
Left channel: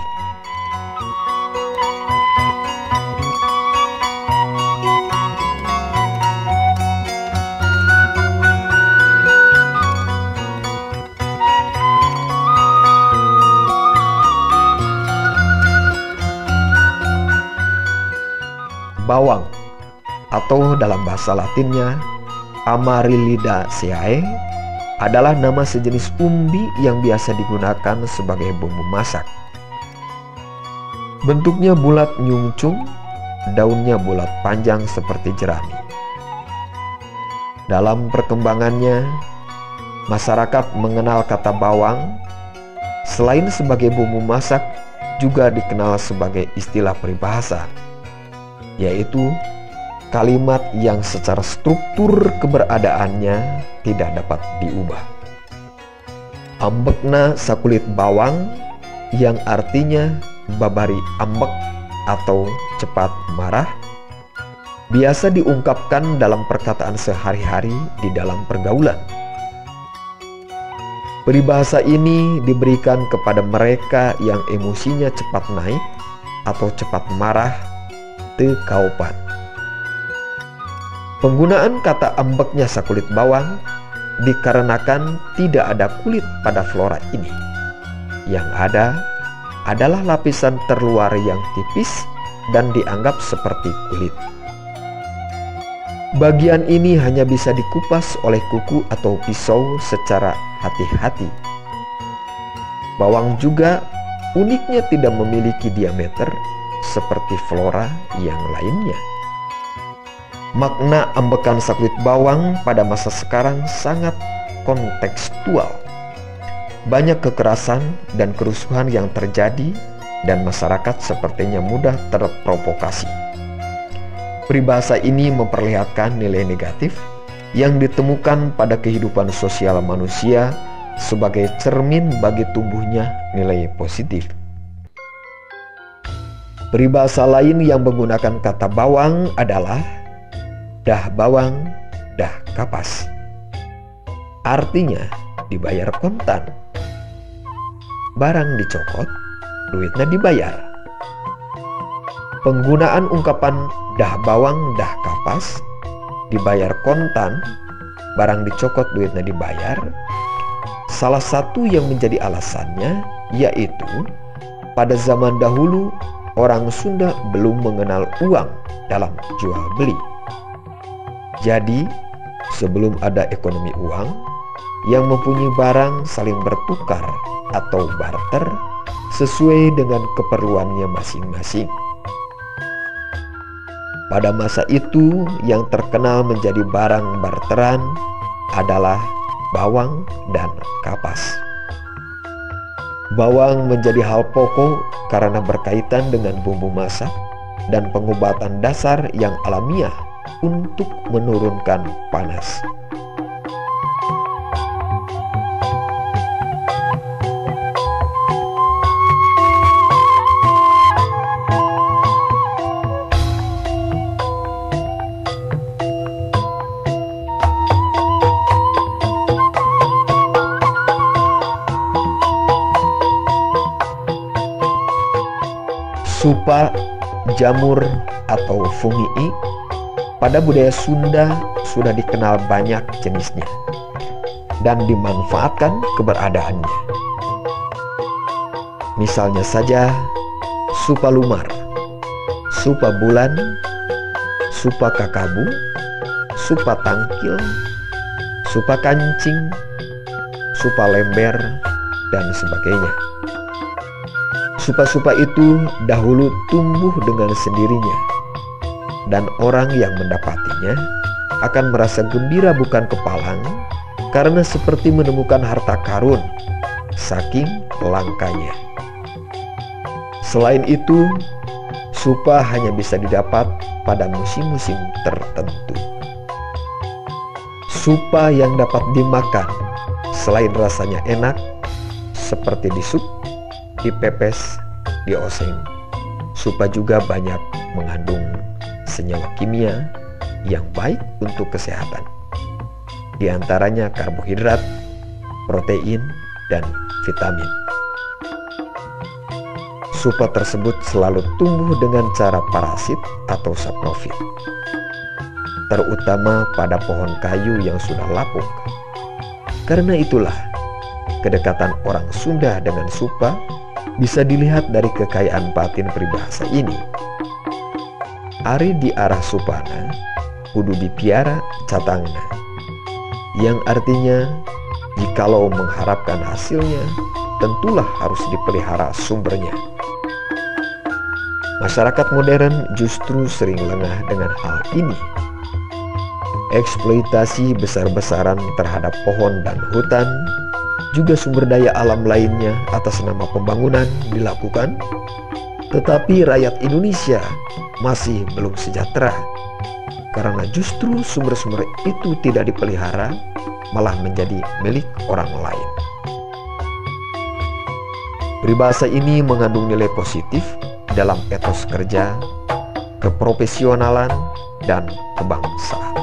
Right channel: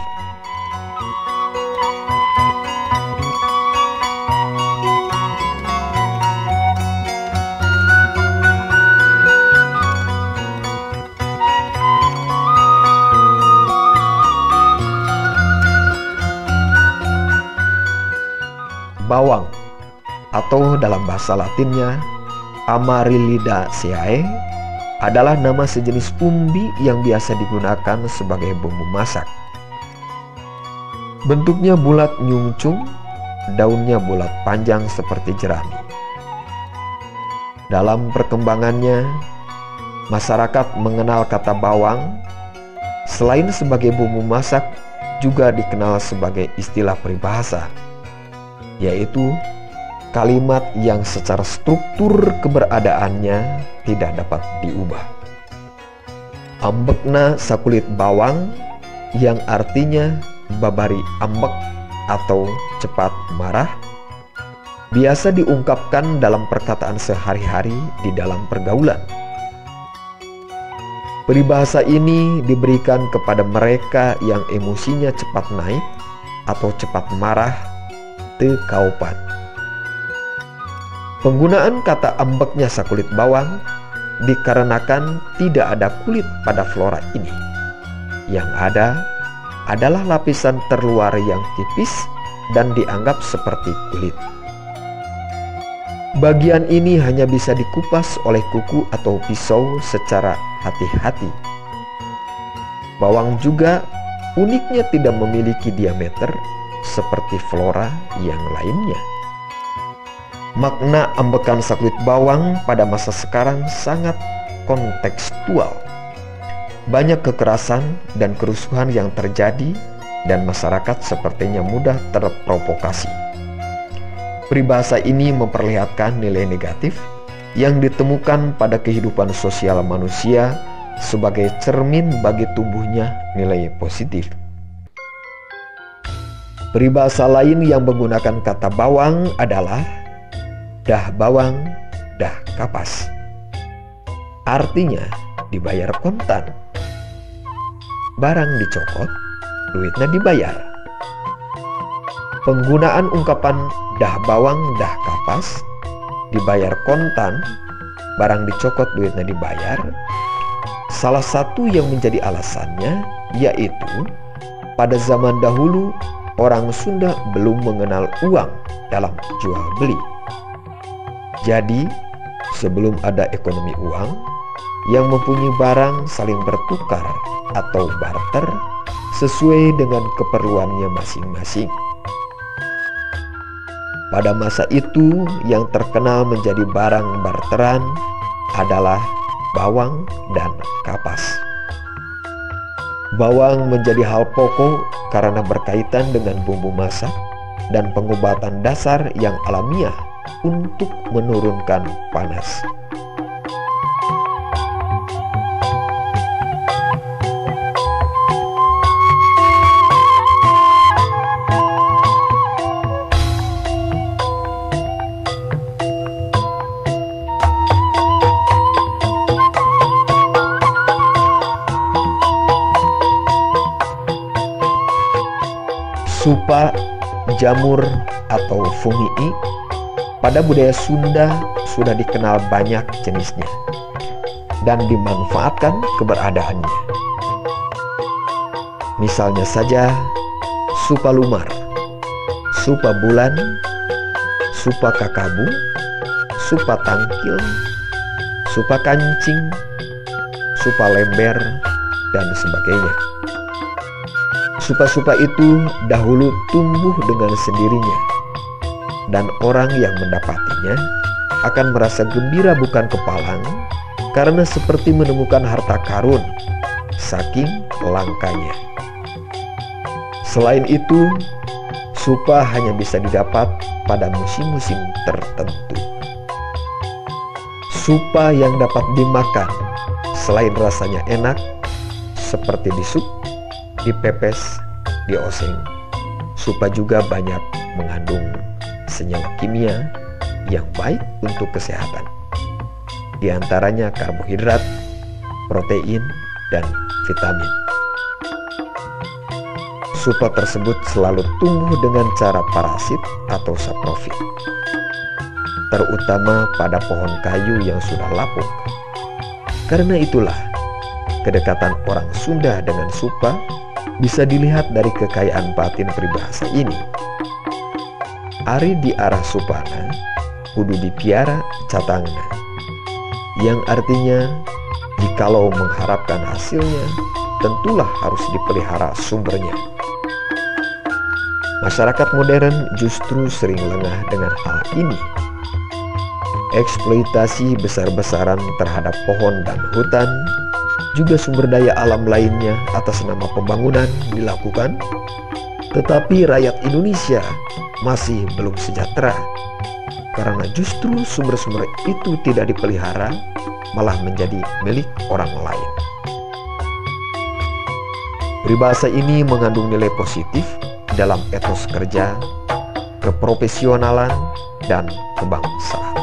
Bawang atau dalam bahasa Latinnya Amaryllidaceae adalah nama sejenis umbi yang biasa digunakan sebagai bumbu masak. Bentuknya bulat nyungcung, daunnya bulat panjang seperti jerami. Dalam perkembangannya, masyarakat mengenal kata bawang selain sebagai bumbu masak juga dikenal sebagai istilah peribahasa, yaitu kalimat yang secara struktur keberadaannya tidak dapat diubah. Ambekna sakulit bawang yang artinya babari ambek atau cepat marah biasa diungkapkan dalam perkataan sehari-hari di dalam pergaulan. Peribahasa ini diberikan kepada mereka yang emosinya cepat naik atau cepat marah teu kaupan. Penggunaan kata ambeknya sakulit bawang dikarenakan tidak ada kulit pada flora ini. Yang ada adalah lapisan terluar yang tipis dan dianggap seperti kulit. Bagian ini hanya bisa dikupas oleh kuku atau pisau secara hati-hati. Bawang juga uniknya tidak memiliki diameter seperti flora yang lainnya. Makna ambekan sakulit bawang pada masa sekarang sangat kontekstual. Banyak kekerasan dan kerusuhan yang terjadi dan masyarakat sepertinya mudah terprovokasi. Peribahasa ini memperlihatkan nilai negatif yang ditemukan pada kehidupan sosial manusia sebagai cermin bagi tumbuhnya nilai positif. Peribahasa lain yang menggunakan kata bawang adalah dah bawang, dah kapas. artinya dibayar kontan. Barang dicokot, duitnya dibayar. Penggunaan ungkapan dah bawang dah kapas, dibayar kontan, barang dicokot duitnya dibayar. Salah satu yang menjadi alasannya yaitu pada zaman dahulu orang Sunda belum mengenal uang dalam jual beli. Jadi sebelum ada ekonomi uang, yang mempunyai barang saling bertukar atau barter sesuai dengan keperluannya masing-masing. Pada masa itu yang terkenal menjadi barang barteran adalah bawang dan kapas. Bawang menjadi hal pokok karena berkaitan dengan bumbu masak dan pengobatan dasar yang alamiah untuk menurunkan panas. Supa, jamur, atau fungii pada budaya Sunda sudah dikenal banyak jenisnya dan dimanfaatkan keberadaannya. Misalnya saja supa lumar, supa bulan, supa kakabu, supa tangkil, supa kancing, supa lember, dan sebagainya. Supa-supa itu dahulu tumbuh dengan sendirinya, dan orang yang mendapatinya akan merasa gembira bukan kepalang karena seperti menemukan harta karun, saking langkanya. Selain itu, supa hanya bisa didapat pada musim-musim tertentu. Supa yang dapat dimakan selain rasanya enak, seperti di sup, dipepes, dioseng. Supa juga banyak mengandung senyawa kimia yang baik untuk kesehatan. Di antaranya karbohidrat, protein, dan vitamin. Supa tersebut selalu tumbuh dengan cara parasit atau saprofit, terutama pada pohon kayu yang sudah lapuk. Karena itulah, kedekatan orang Sunda dengan supa bisa dilihat dari kekayaan batin peribahasa ini. Ari di arah supana, kudu dipiara catangna, yang artinya jikalau mengharapkan hasilnya, tentulah harus dipelihara sumbernya. Masyarakat modern justru sering lengah dengan hal ini. Eksploitasi besar-besaran terhadap pohon dan hutan, juga sumber daya alam lainnya atas nama pembangunan dilakukan, tetapi rakyat Indonesia masih belum sejahtera karena justru sumber-sumber itu tidak dipelihara, malah menjadi milik orang lain. Peribahasa ini mengandung nilai positif dalam etos kerja, keprofesionalan, dan kebangsaan.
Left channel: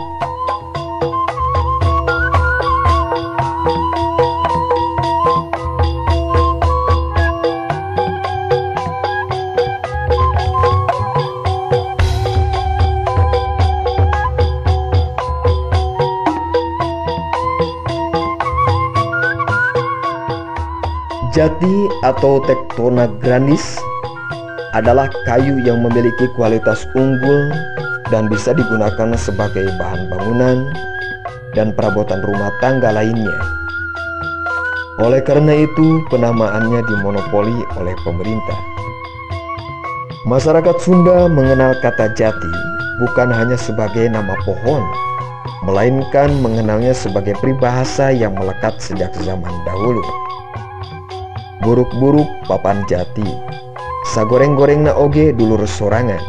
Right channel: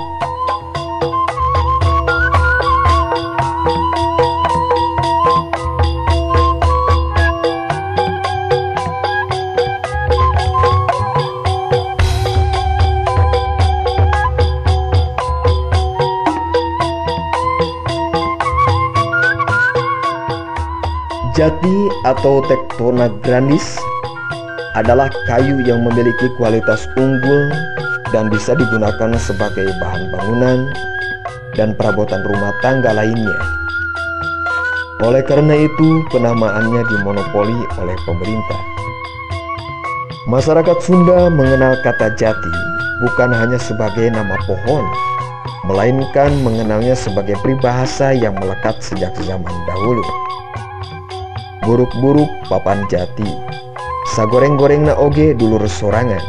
Jati atau Tectona grandis adalah kayu yang memiliki kualitas unggul dan bisa digunakan sebagai bahan bangunan dan perabotan rumah tangga lainnya. Oleh karena itu, penamaannya dimonopoli oleh pemerintah. Masyarakat Sunda mengenal kata jati bukan hanya sebagai nama pohon, melainkan mengenalnya sebagai peribahasa yang melekat sejak zaman dahulu. Buruk-buruk papan jati, sagoreng-gorengna oge dulur sorangan.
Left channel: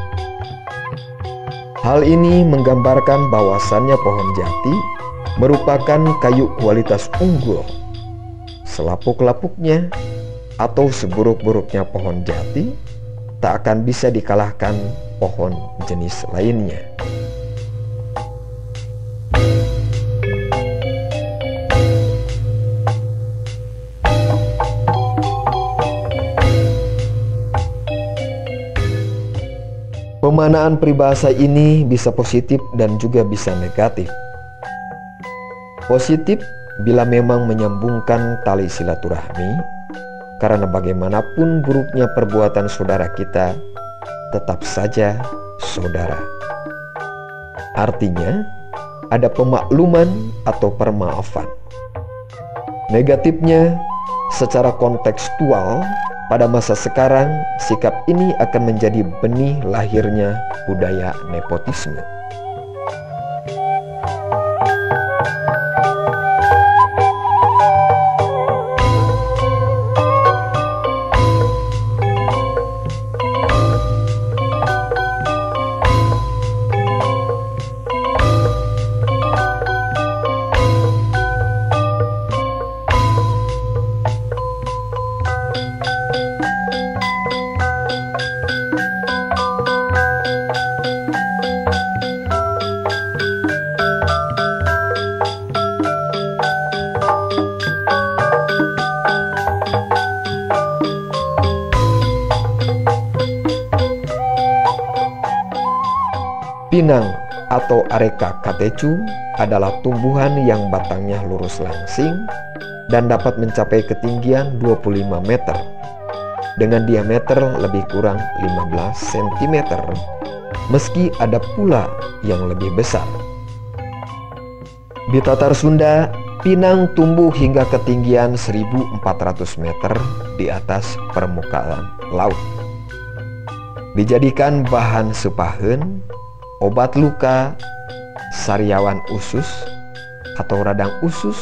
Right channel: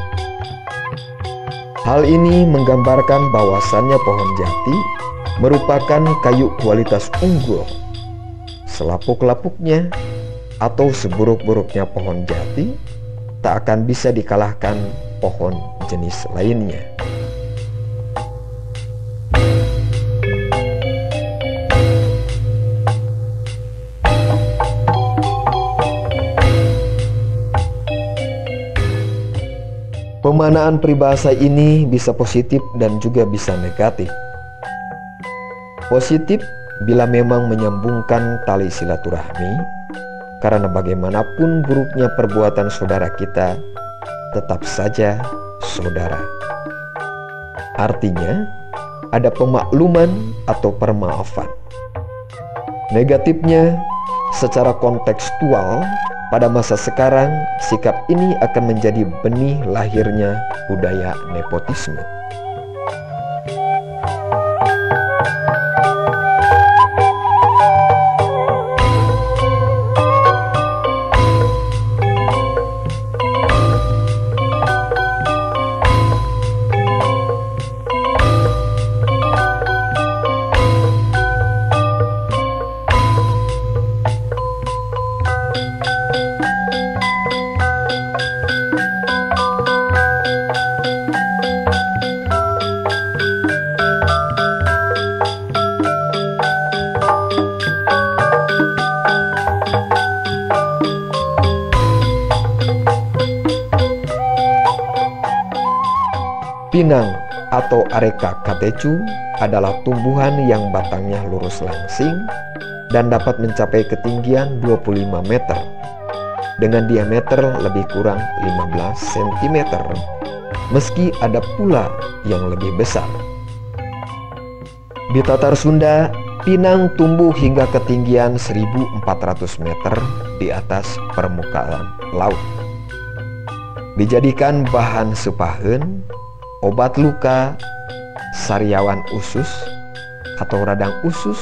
Hal ini menggambarkan bahwasannya pohon jati merupakan kayu kualitas unggul. Selapuk-lapuknya atau seburuk-buruknya pohon jati tak akan bisa dikalahkan pohon jenis lainnya. Pemaknaan peribahasa ini bisa positif dan juga bisa negatif. Positif bila memang menyambungkan tali silaturahmi, karena bagaimanapun buruknya perbuatan saudara kita, tetap saja saudara. Artinya, ada pemakluman atau permaafan. Negatifnya, secara kontekstual, pada masa sekarang, sikap ini akan menjadi benih lahirnya budaya nepotisme. Pinang atau Areca catechu adalah tumbuhan yang batangnya lurus langsing dan dapat mencapai ketinggian 25 meter dengan diameter lebih kurang 15 cm, meski ada pula yang lebih besar. Di Tatar Sunda, pinang tumbuh hingga ketinggian 1.400 meter di atas permukaan laut. Dijadikan bahan sepaheun, obat luka, sariawan usus atau radang usus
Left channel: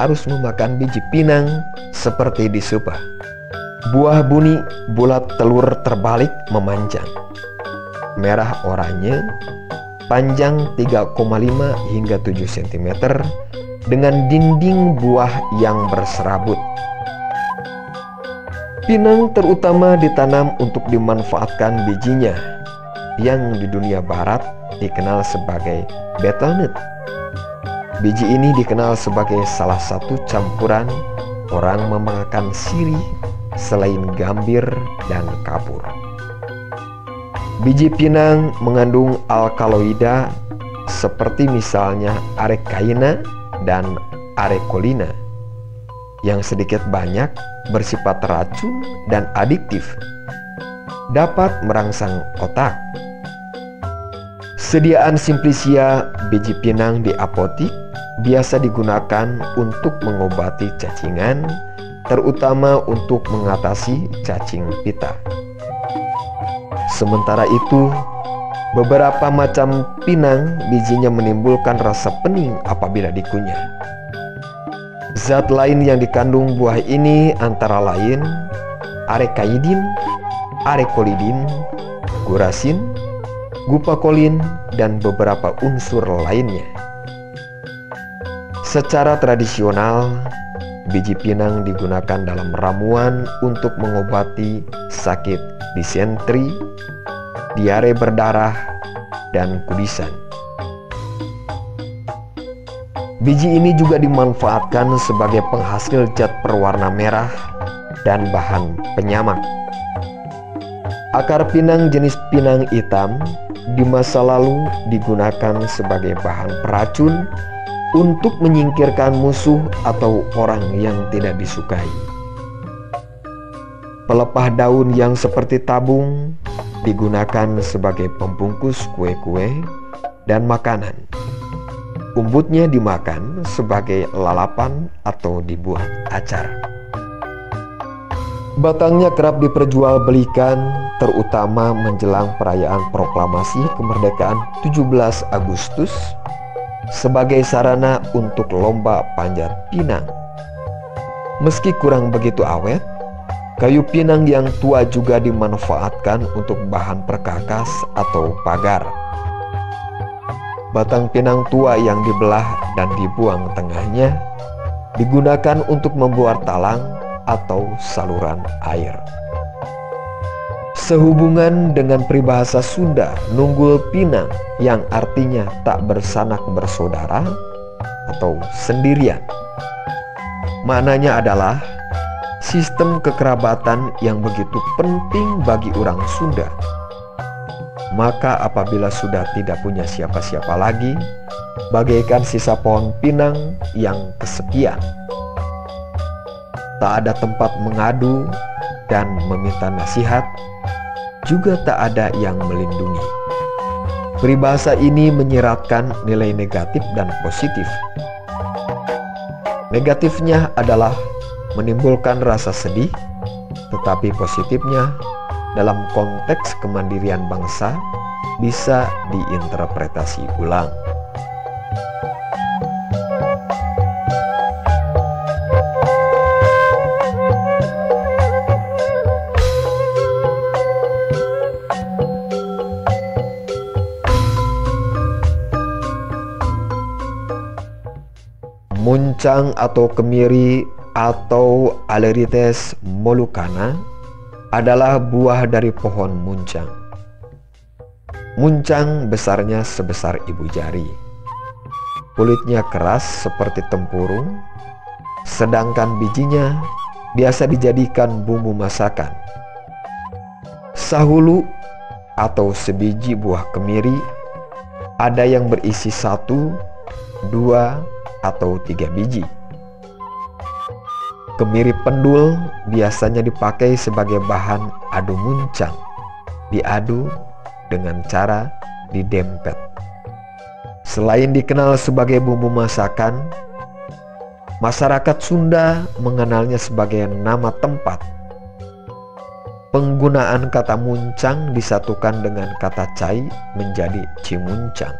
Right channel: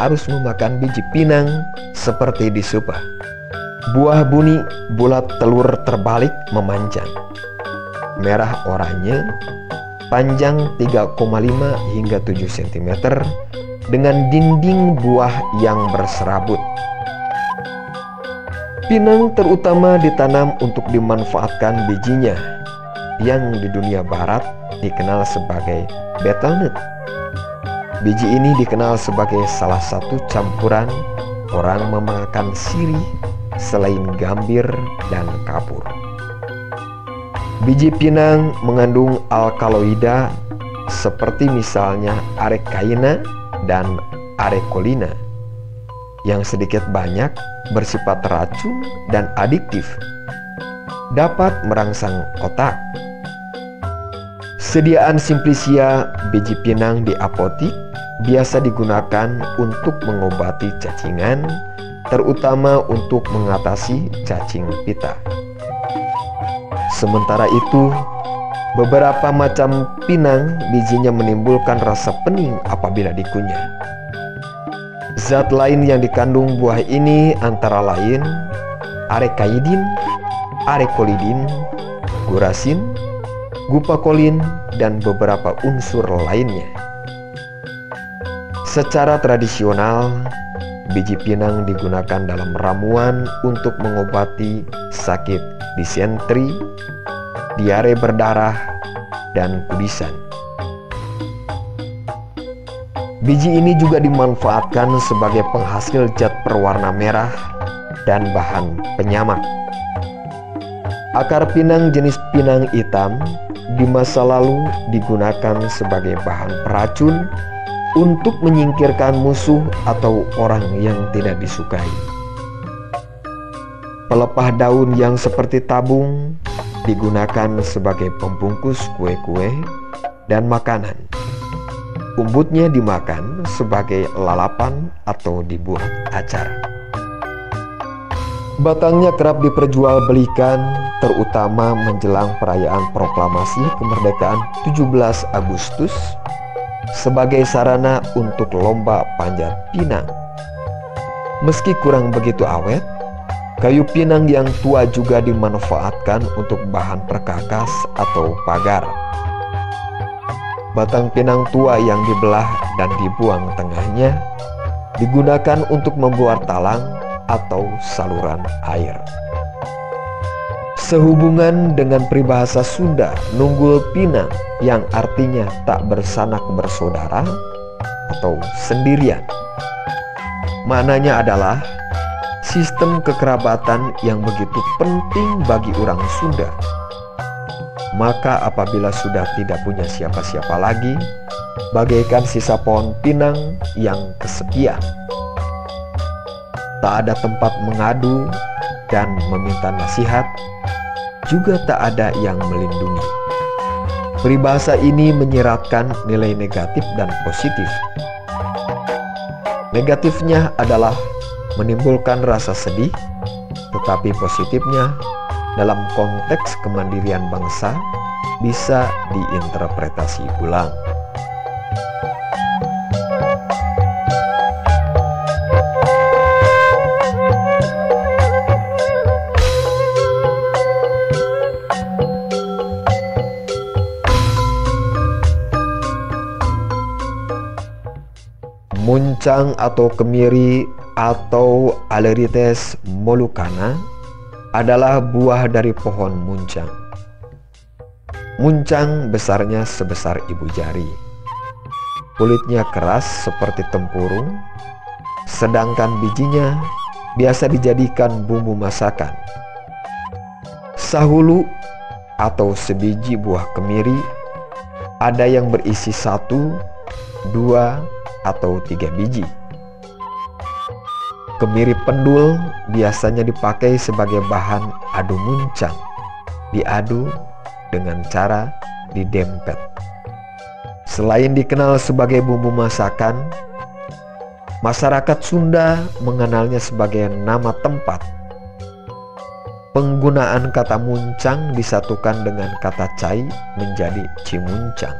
harus memakan biji pinang seperti disupah. Buah buni bulat telur terbalik memanjang, merah oranye, panjang 3,5 hingga 7 cm dengan dinding buah yang berserabut. Pinang terutama ditanam untuk dimanfaatkan bijinya, yang di dunia barat dikenal sebagai betelnut. Biji ini dikenal sebagai salah satu campuran orang memakan sirih selain gambir dan kapur. Biji pinang mengandung alkaloida seperti misalnya arekaina dan arekolina yang sedikit banyak bersifat racun dan adiktif, dapat merangsang otak. Sediaan simplicia biji pinang di apotik biasa digunakan untuk mengobati cacingan, terutama untuk mengatasi cacing pita. Sementara itu, beberapa macam pinang bijinya menimbulkan rasa pening apabila dikunyah. Zat lain yang dikandung buah ini antara lain arekaidin, arekolidin, gurasin, gupakolin, dan beberapa unsur lainnya. Secara tradisional, biji pinang digunakan dalam ramuan untuk mengobati sakit disentri, diare berdarah, dan kudisan. Biji ini juga dimanfaatkan sebagai penghasil zat berwarna merah dan bahan penyamak. Akar pinang jenis pinang hitam di masa lalu digunakan sebagai bahan peracun untuk menyingkirkan musuh atau orang yang tidak disukai. Pelepah daun yang seperti tabung digunakan sebagai pembungkus kue-kue dan makanan. Umbutnya dimakan sebagai lalapan atau dibuat acar. Batangnya kerap diperjualbelikan, terutama menjelang perayaan proklamasi kemerdekaan 17 Agustus sebagai sarana untuk lomba panjat pinang. Meski kurang begitu awet, kayu pinang yang tua juga dimanfaatkan untuk bahan perkakas atau pagar. Batang pinang tua yang dibelah dan dibuang tengahnya digunakan untuk membuat talang atau saluran air. Sehubungan dengan peribahasa Sunda nunggul pinang yang artinya tak bersanak bersaudara atau sendirian. Maknanya adalah sistem kekerabatan yang begitu penting bagi orang Sunda. Maka apabila sudah tidak punya siapa-siapa lagi, bagaikan sisa pohon pinang yang kesepian. Tak ada tempat mengadu dan meminta nasihat, juga tak ada yang melindungi. Peribahasa ini menyiratkan nilai negatif dan positif. Negatifnya adalah menimbulkan rasa sedih, tetapi positifnya dalam konteks kemandirian bangsa bisa diinterpretasi ulang. Muncang atau kemiri atau Alerites molucana adalah buah dari pohon muncang. Muncang besarnya sebesar ibu jari. Kulitnya keras seperti tempurung, sedangkan bijinya biasa dijadikan bumbu masakan. Sahulu atau sebiji buah kemiri ada yang berisi 1, 2, atau 3 biji. Kemiri pendul biasanya dipakai sebagai bahan adu muncang, diadu dengan cara didempet. Selain dikenal sebagai bumbu masakan, masyarakat Sunda mengenalnya sebagai nama tempat. Penggunaan kata muncang disatukan dengan kata cai menjadi cimuncang.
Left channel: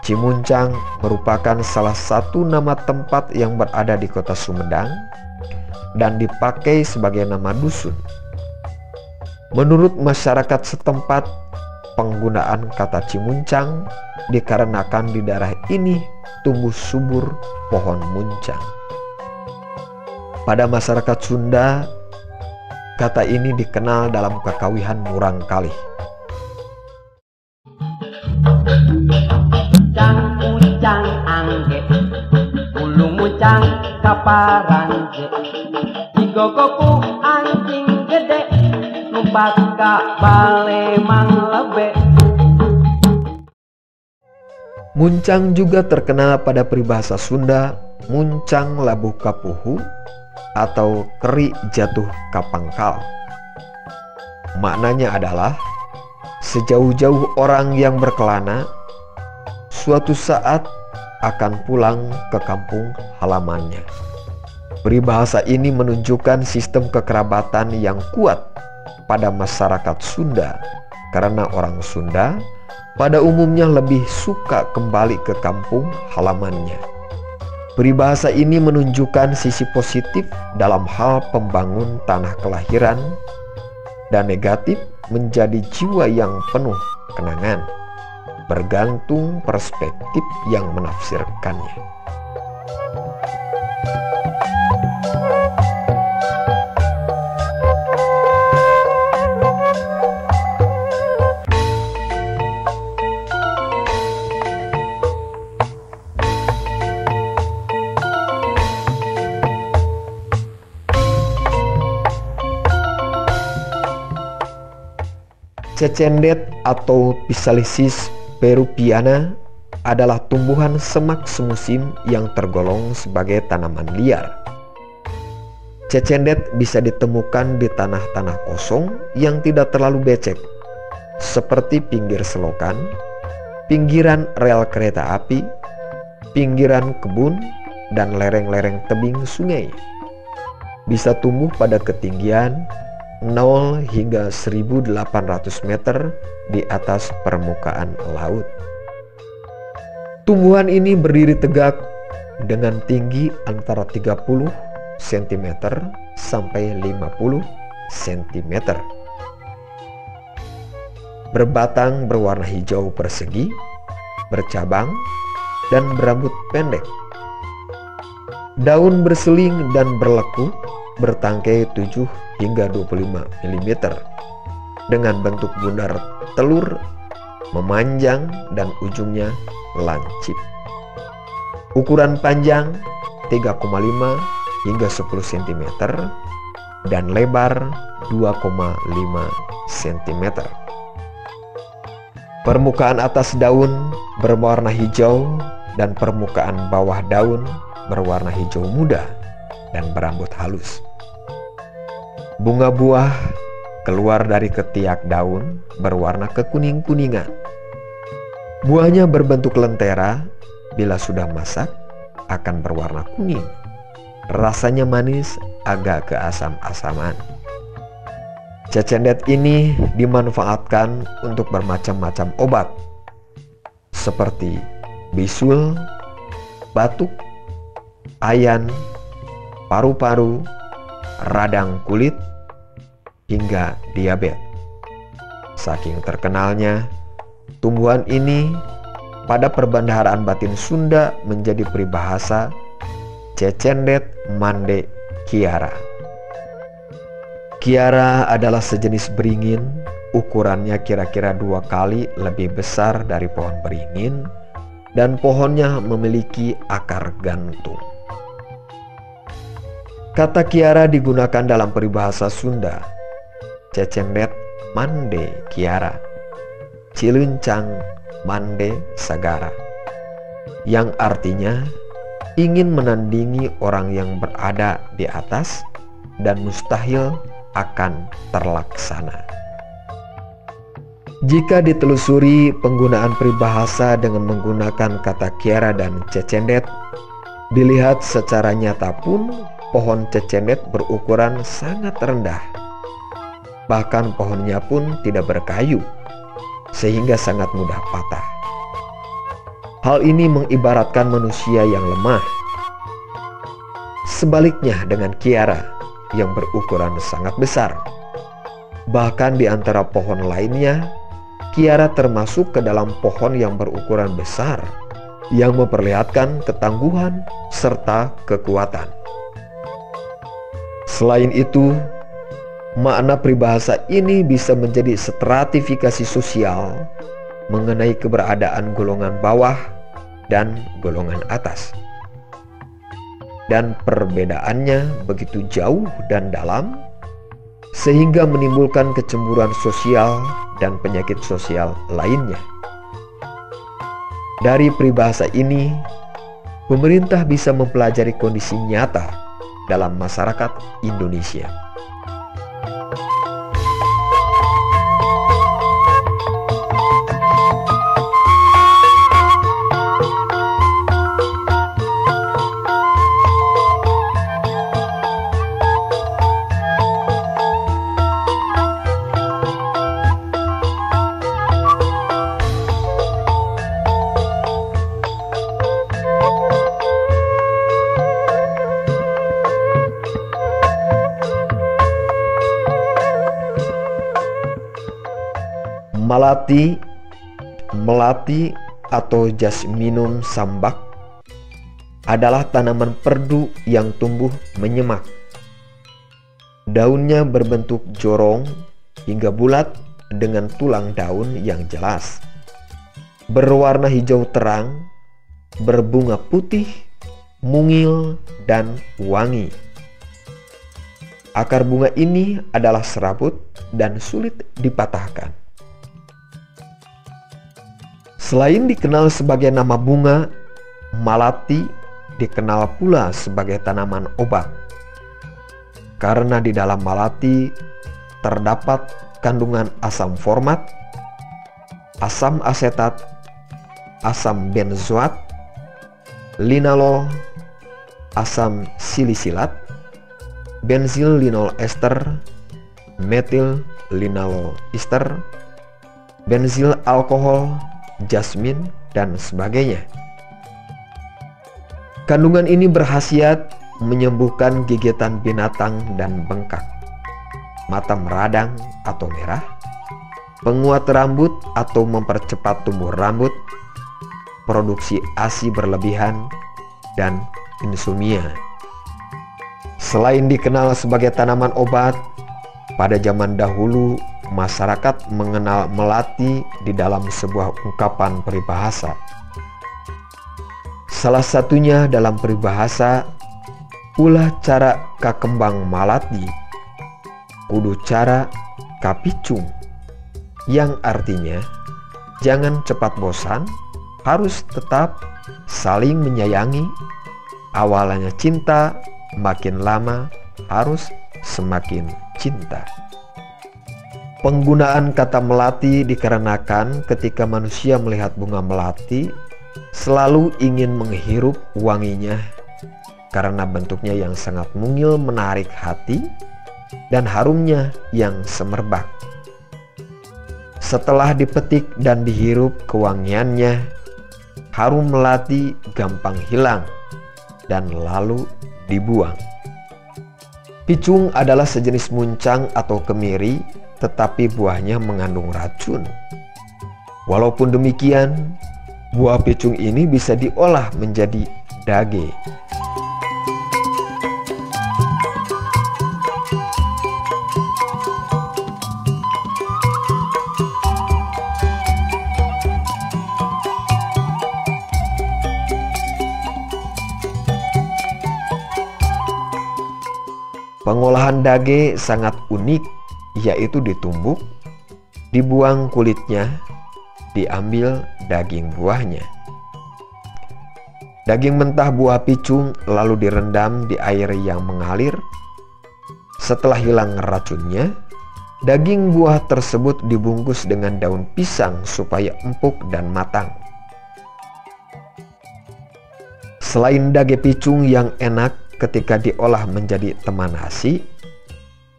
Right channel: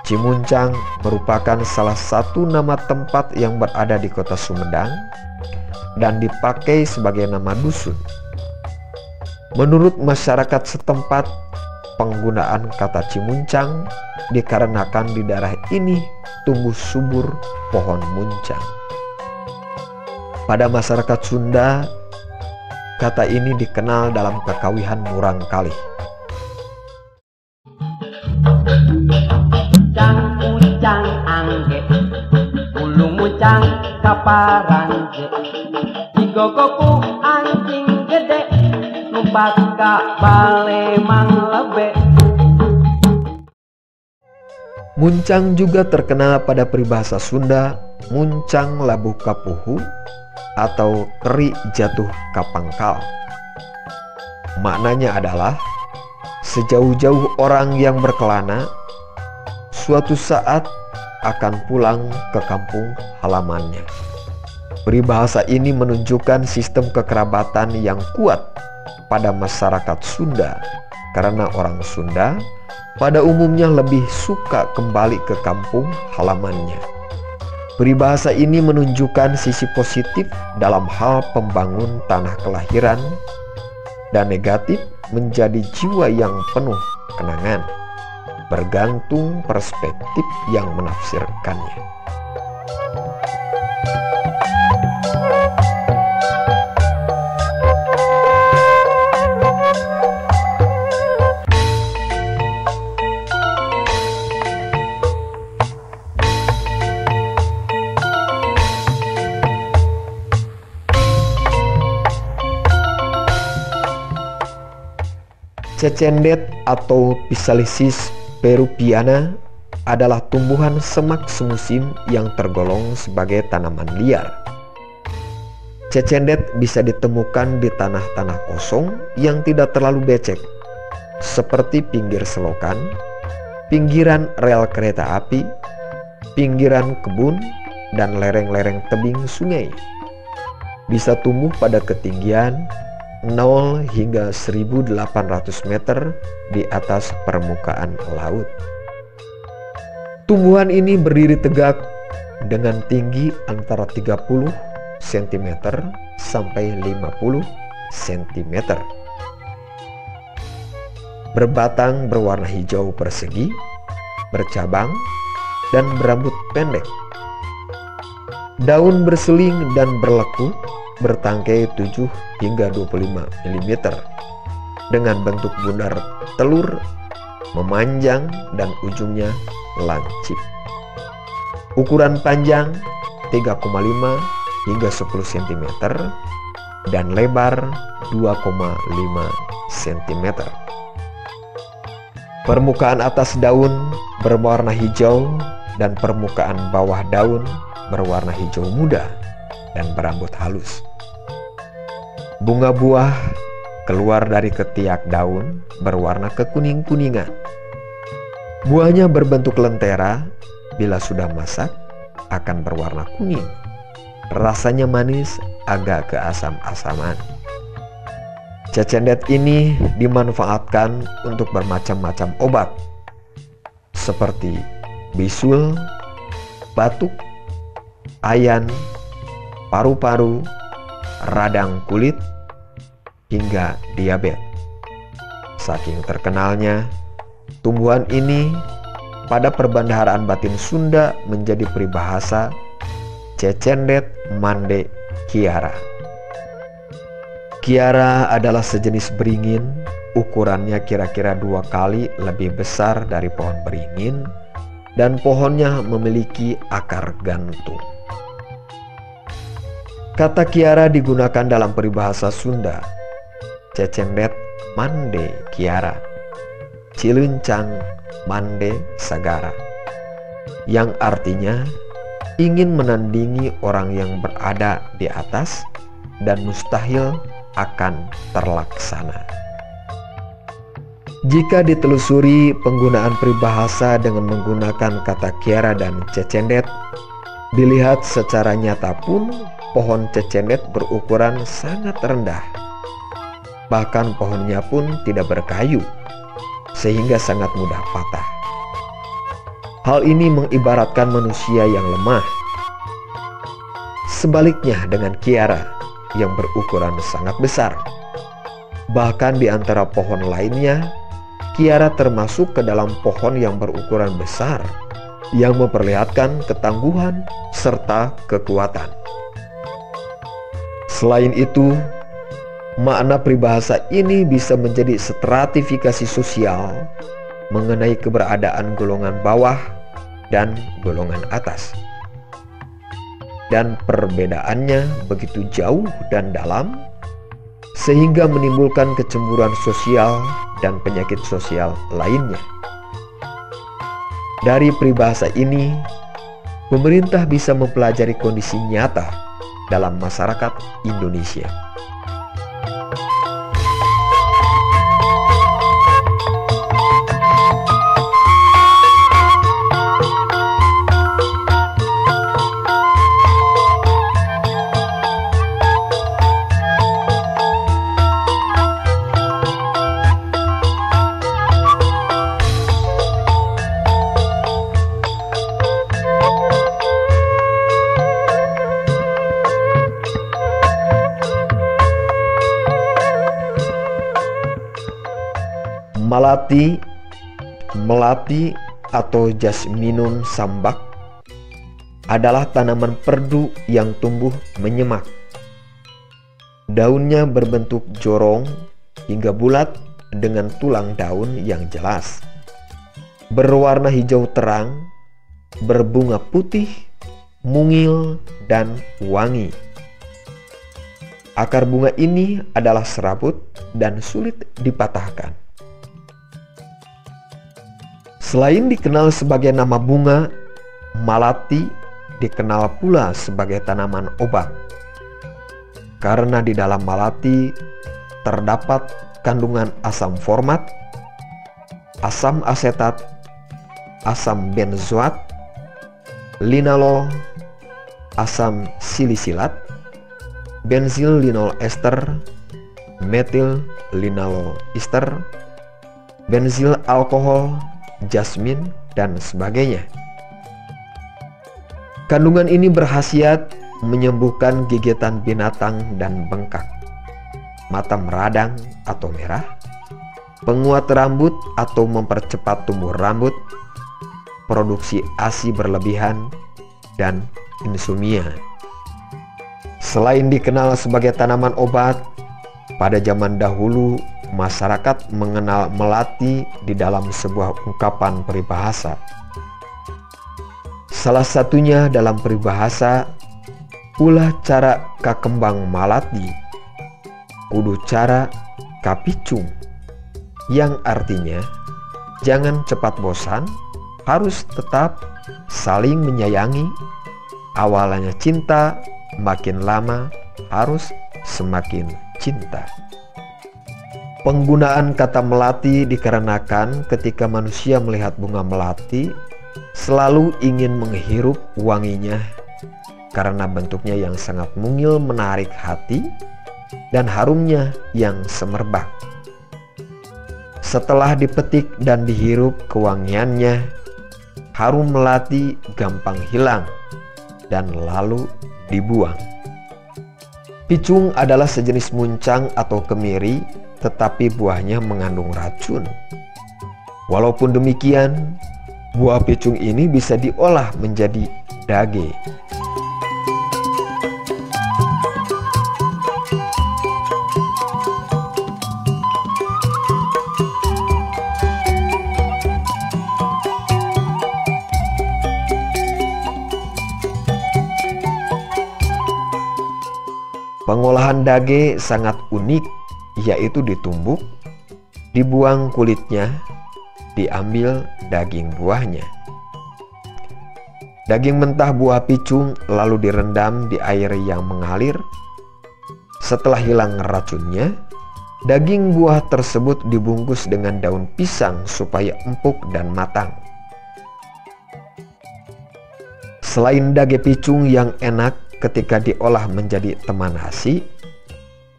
Cimuncang merupakan salah satu nama tempat yang berada di kota Sumedang dan dipakai sebagai nama dusun. Menurut masyarakat setempat, penggunaan kata cimuncang dikarenakan di daerah ini tumbuh subur pohon muncang. Pada masyarakat Sunda, kata ini dikenal dalam kekawihan murangkalih. Muncang angge, ulu muncang kaparanje, digogoku anjing gede, numpak ka balemang lebe. Muncang juga terkenal pada peribahasa Sunda muncang labu kapuhu atau keri jatuh kapangkal. Maknanya adalah sejauh-jauh orang yang berkelana suatu saat akan pulang ke kampung halamannya. Peribahasa ini menunjukkan sistem kekerabatan yang kuat pada masyarakat Sunda, karena orang Sunda pada umumnya lebih suka kembali ke kampung halamannya. Peribahasa ini menunjukkan sisi positif dalam hal pembangun tanah kelahiran dan negatif menjadi jiwa yang penuh kenangan, bergantung perspektif yang menafsirkannya. Cecendet atau Physalis peruviana adalah tumbuhan semak semusim yang tergolong sebagai tanaman liar. Cecendet bisa ditemukan di tanah-tanah kosong yang tidak terlalu becek, seperti pinggir selokan, pinggiran rel kereta api, pinggiran kebun, dan lereng-lereng tebing sungai. Bisa tumbuh pada ketinggian 0 hingga 1.800 meter di atas permukaan laut. Tumbuhan ini berdiri tegak dengan tinggi antara 30 cm sampai 50 cm. Berbatang berwarna hijau persegi, bercabang, dan berambut pendek. Daun berseling dan berlekuk, bertangkai 7 hingga 25 mm dengan bentuk bundar telur, memanjang dan ujungnya lancip. Ukuran panjang 3,5 hingga 10 cm dan lebar 2,5 cm. Permukaan atas daun berwarna hijau dan permukaan bawah daun berwarna hijau muda dan berambut halus. Bunga buah keluar dari ketiak daun berwarna kekuning-kuningan. Buahnya berbentuk lentera, bila sudah masak akan berwarna kuning. Rasanya manis, agak keasam-asaman. Cecendet ini dimanfaatkan untuk bermacam-macam obat, seperti bisul, batuk, ayan, paru-paru, radang kulit, hingga diabetes. Saking terkenalnya, tumbuhan ini pada perbendaharaan batin Sunda menjadi peribahasa Cecendet Mande Kiara. Kiara adalah sejenis beringin, ukurannya kira-kira 2 kali lebih besar dari pohon beringin, dan pohonnya memiliki akar gantung. Kata Kiara digunakan dalam peribahasa Sunda, Cecendet Mande Kiara, Cilencang Mande Sagara, yang artinya ingin menandingi orang yang berada di atas dan mustahil akan terlaksana. Jika ditelusuri penggunaan peribahasa dengan menggunakan kata Kiara dan cecendet, dilihat secara nyata pun pohon cecendet berukuran sangat rendah. Bahkan pohonnya pun tidak berkayu, sehingga sangat mudah patah. Hal ini mengibaratkan manusia yang lemah. Sebaliknya dengan Kiara yang berukuran sangat besar. Bahkan di antara pohon lainnya, Kiara termasuk ke dalam pohon yang berukuran besar, yang memperlihatkan ketangguhan serta kekuatan. Selain itu, makna peribahasa ini bisa menjadi stratifikasi sosial mengenai keberadaan golongan bawah dan golongan atas. Dan perbedaannya begitu jauh dan dalam, sehingga menimbulkan kecemburuan sosial dan penyakit sosial lainnya. Dari peribahasa ini, pemerintah bisa mempelajari kondisi nyata dalam masyarakat Indonesia. Melati atau Jasminum sambak adalah tanaman perdu yang tumbuh menyemak. Daunnya berbentuk jorong hingga bulat dengan tulang daun yang jelas, berwarna hijau terang, berbunga putih, mungil, dan wangi. Akar bunga ini adalah serabut dan sulit dipatahkan. Selain dikenal sebagai nama bunga, malati dikenal pula sebagai tanaman obat. Karena di dalam malati terdapat kandungan asam format, asam asetat, asam benzoat, linalol, asam silisilat, benzil linol ester, metil linalol ester, benzil alkohol, jasmin, dan sebagainya. Kandungan ini berkhasiat menyembuhkan gigitan binatang dan bengkak, mata meradang atau merah, penguat rambut atau mempercepat tumbuh rambut, produksi ASI berlebihan, dan insomnia. Selain dikenal sebagai tanaman obat, pada zaman dahulu masyarakat mengenal melati di dalam sebuah ungkapan peribahasa. Salah satunya dalam peribahasa, ulah cara ka kembang malati, kudu cara ka picung, yang artinya jangan cepat bosan, harus tetap saling menyayangi. Awalnya cinta, makin lama harus semakin cinta. Penggunaan kata melati dikarenakan ketika manusia melihat bunga melati selalu ingin menghirup wanginya karena bentuknya yang sangat mungil menarik hati dan harumnya yang semerbak. Setelah dipetik dan dihirup kewangiannya, harum melati gampang hilang dan lalu dibuang. Picung adalah sejenis muncang atau kemiri, tetapi buahnya mengandung racun. Walaupun demikian, buah picung ini bisa diolah menjadi dage. Pengolahan dage sangat unik, yaitu ditumbuk, dibuang kulitnya, diambil daging buahnya. Daging mentah buah picung lalu direndam di air yang mengalir. Setelah hilang racunnya, daging buah tersebut dibungkus dengan daun pisang supaya empuk dan matang. Selain dage picung yang enak ketika diolah menjadi teman nasi,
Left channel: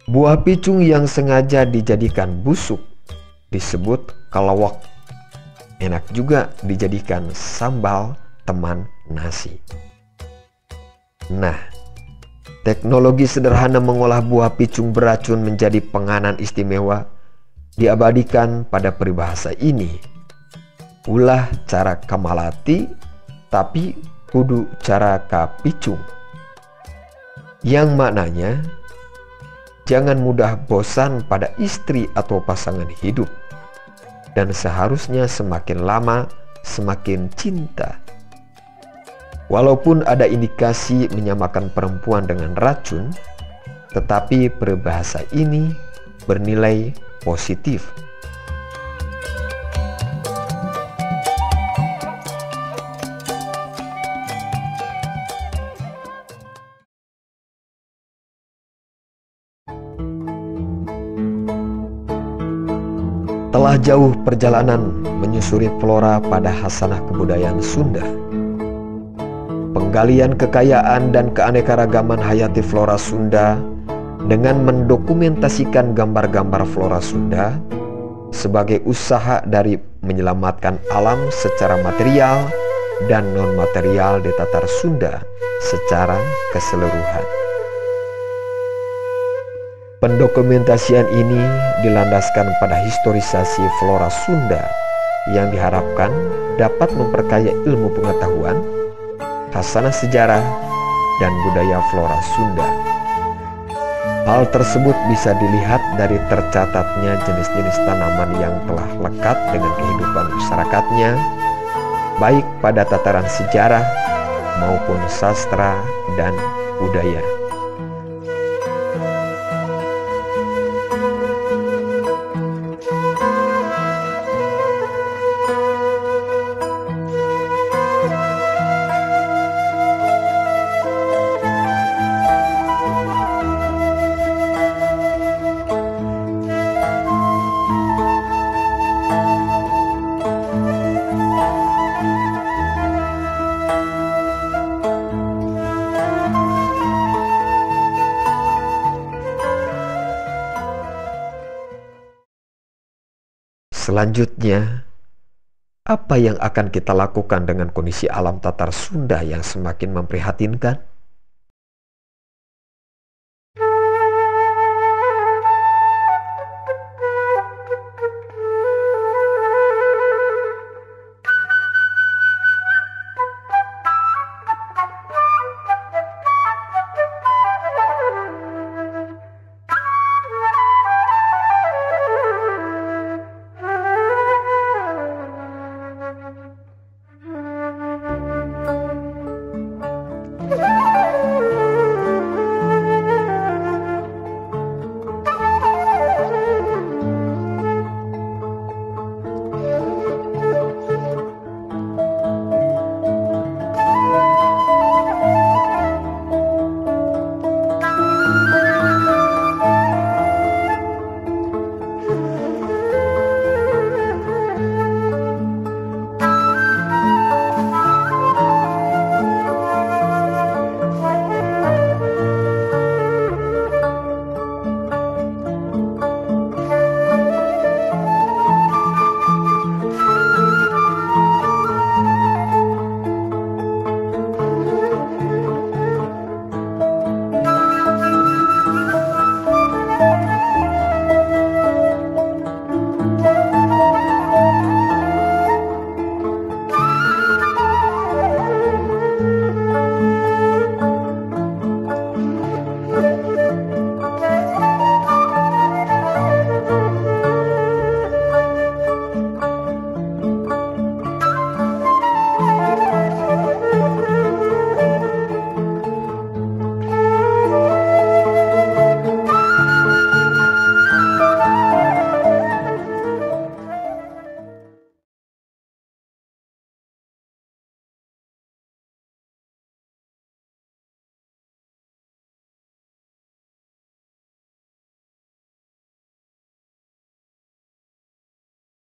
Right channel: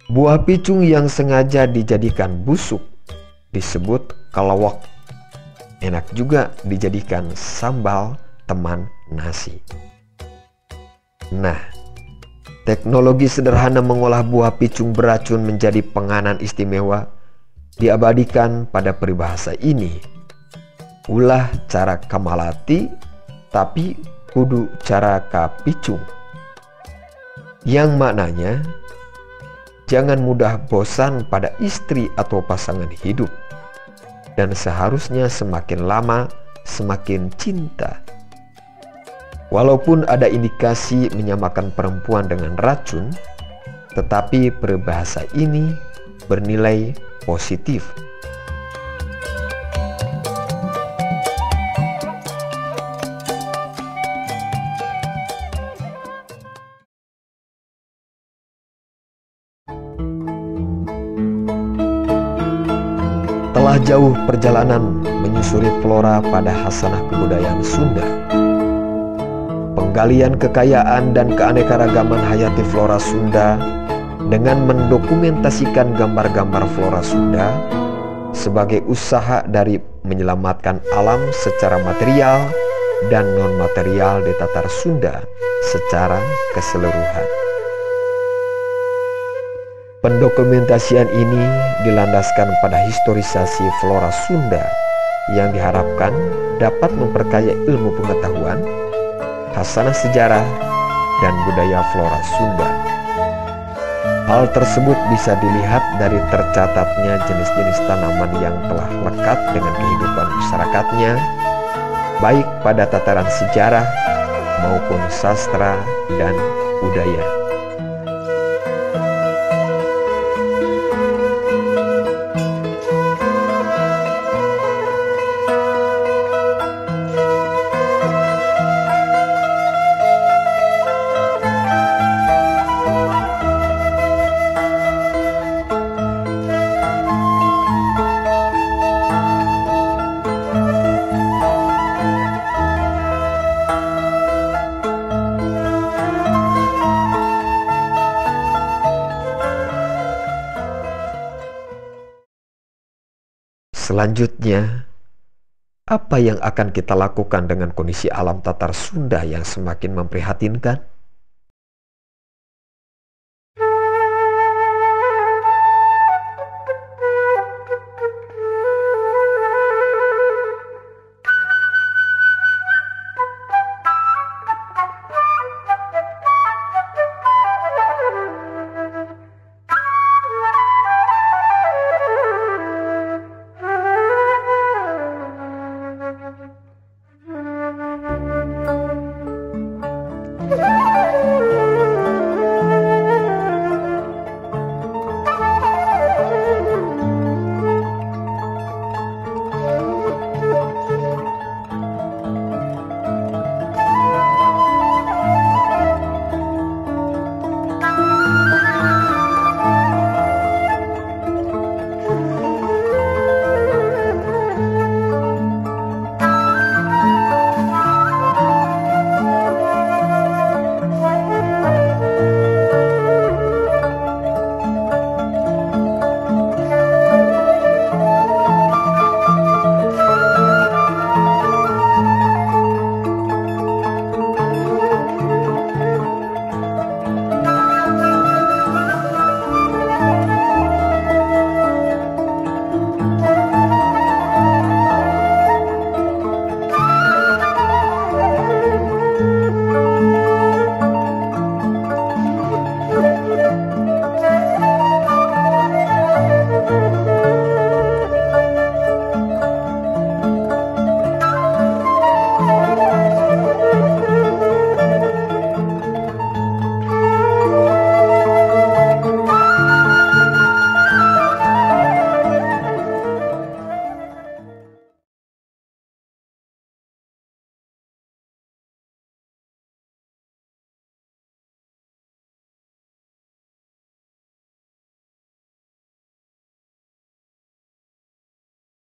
buah picung yang sengaja dijadikan busuk disebut kalawak. Enak juga dijadikan sambal teman nasi. Nah, teknologi sederhana mengolah buah picung beracun menjadi penganan istimewa diabadikan pada peribahasa ini. Ulah cara kamalati, tapi kudu cara kapicung. Yang maknanya, jangan mudah bosan pada istri atau pasangan hidup, dan seharusnya semakin lama semakin cinta. Walaupun ada indikasi menyamakan perempuan dengan racun, tetapi peribahasa ini bernilai positif. Telah jauh perjalanan menyusuri flora pada hasanah kebudayaan Sunda. Penggalian kekayaan dan keanekaragaman hayati flora Sunda dengan mendokumentasikan gambar-gambar flora Sunda sebagai usaha dari menyelamatkan alam secara material dan non-material di Tatar Sunda secara keseluruhan. Pendokumentasian ini dilandaskan pada historisasi flora Sunda yang diharapkan dapat memperkaya ilmu pengetahuan, hasanah sejarah, dan budaya flora Sunda. Hal tersebut bisa dilihat dari tercatatnya jenis-jenis tanaman yang telah lekat dengan kehidupan masyarakatnya, baik pada tataran sejarah maupun sastra dan budaya. Selanjutnya, apa yang akan kita lakukan dengan kondisi alam Tatar Sunda yang semakin memprihatinkan?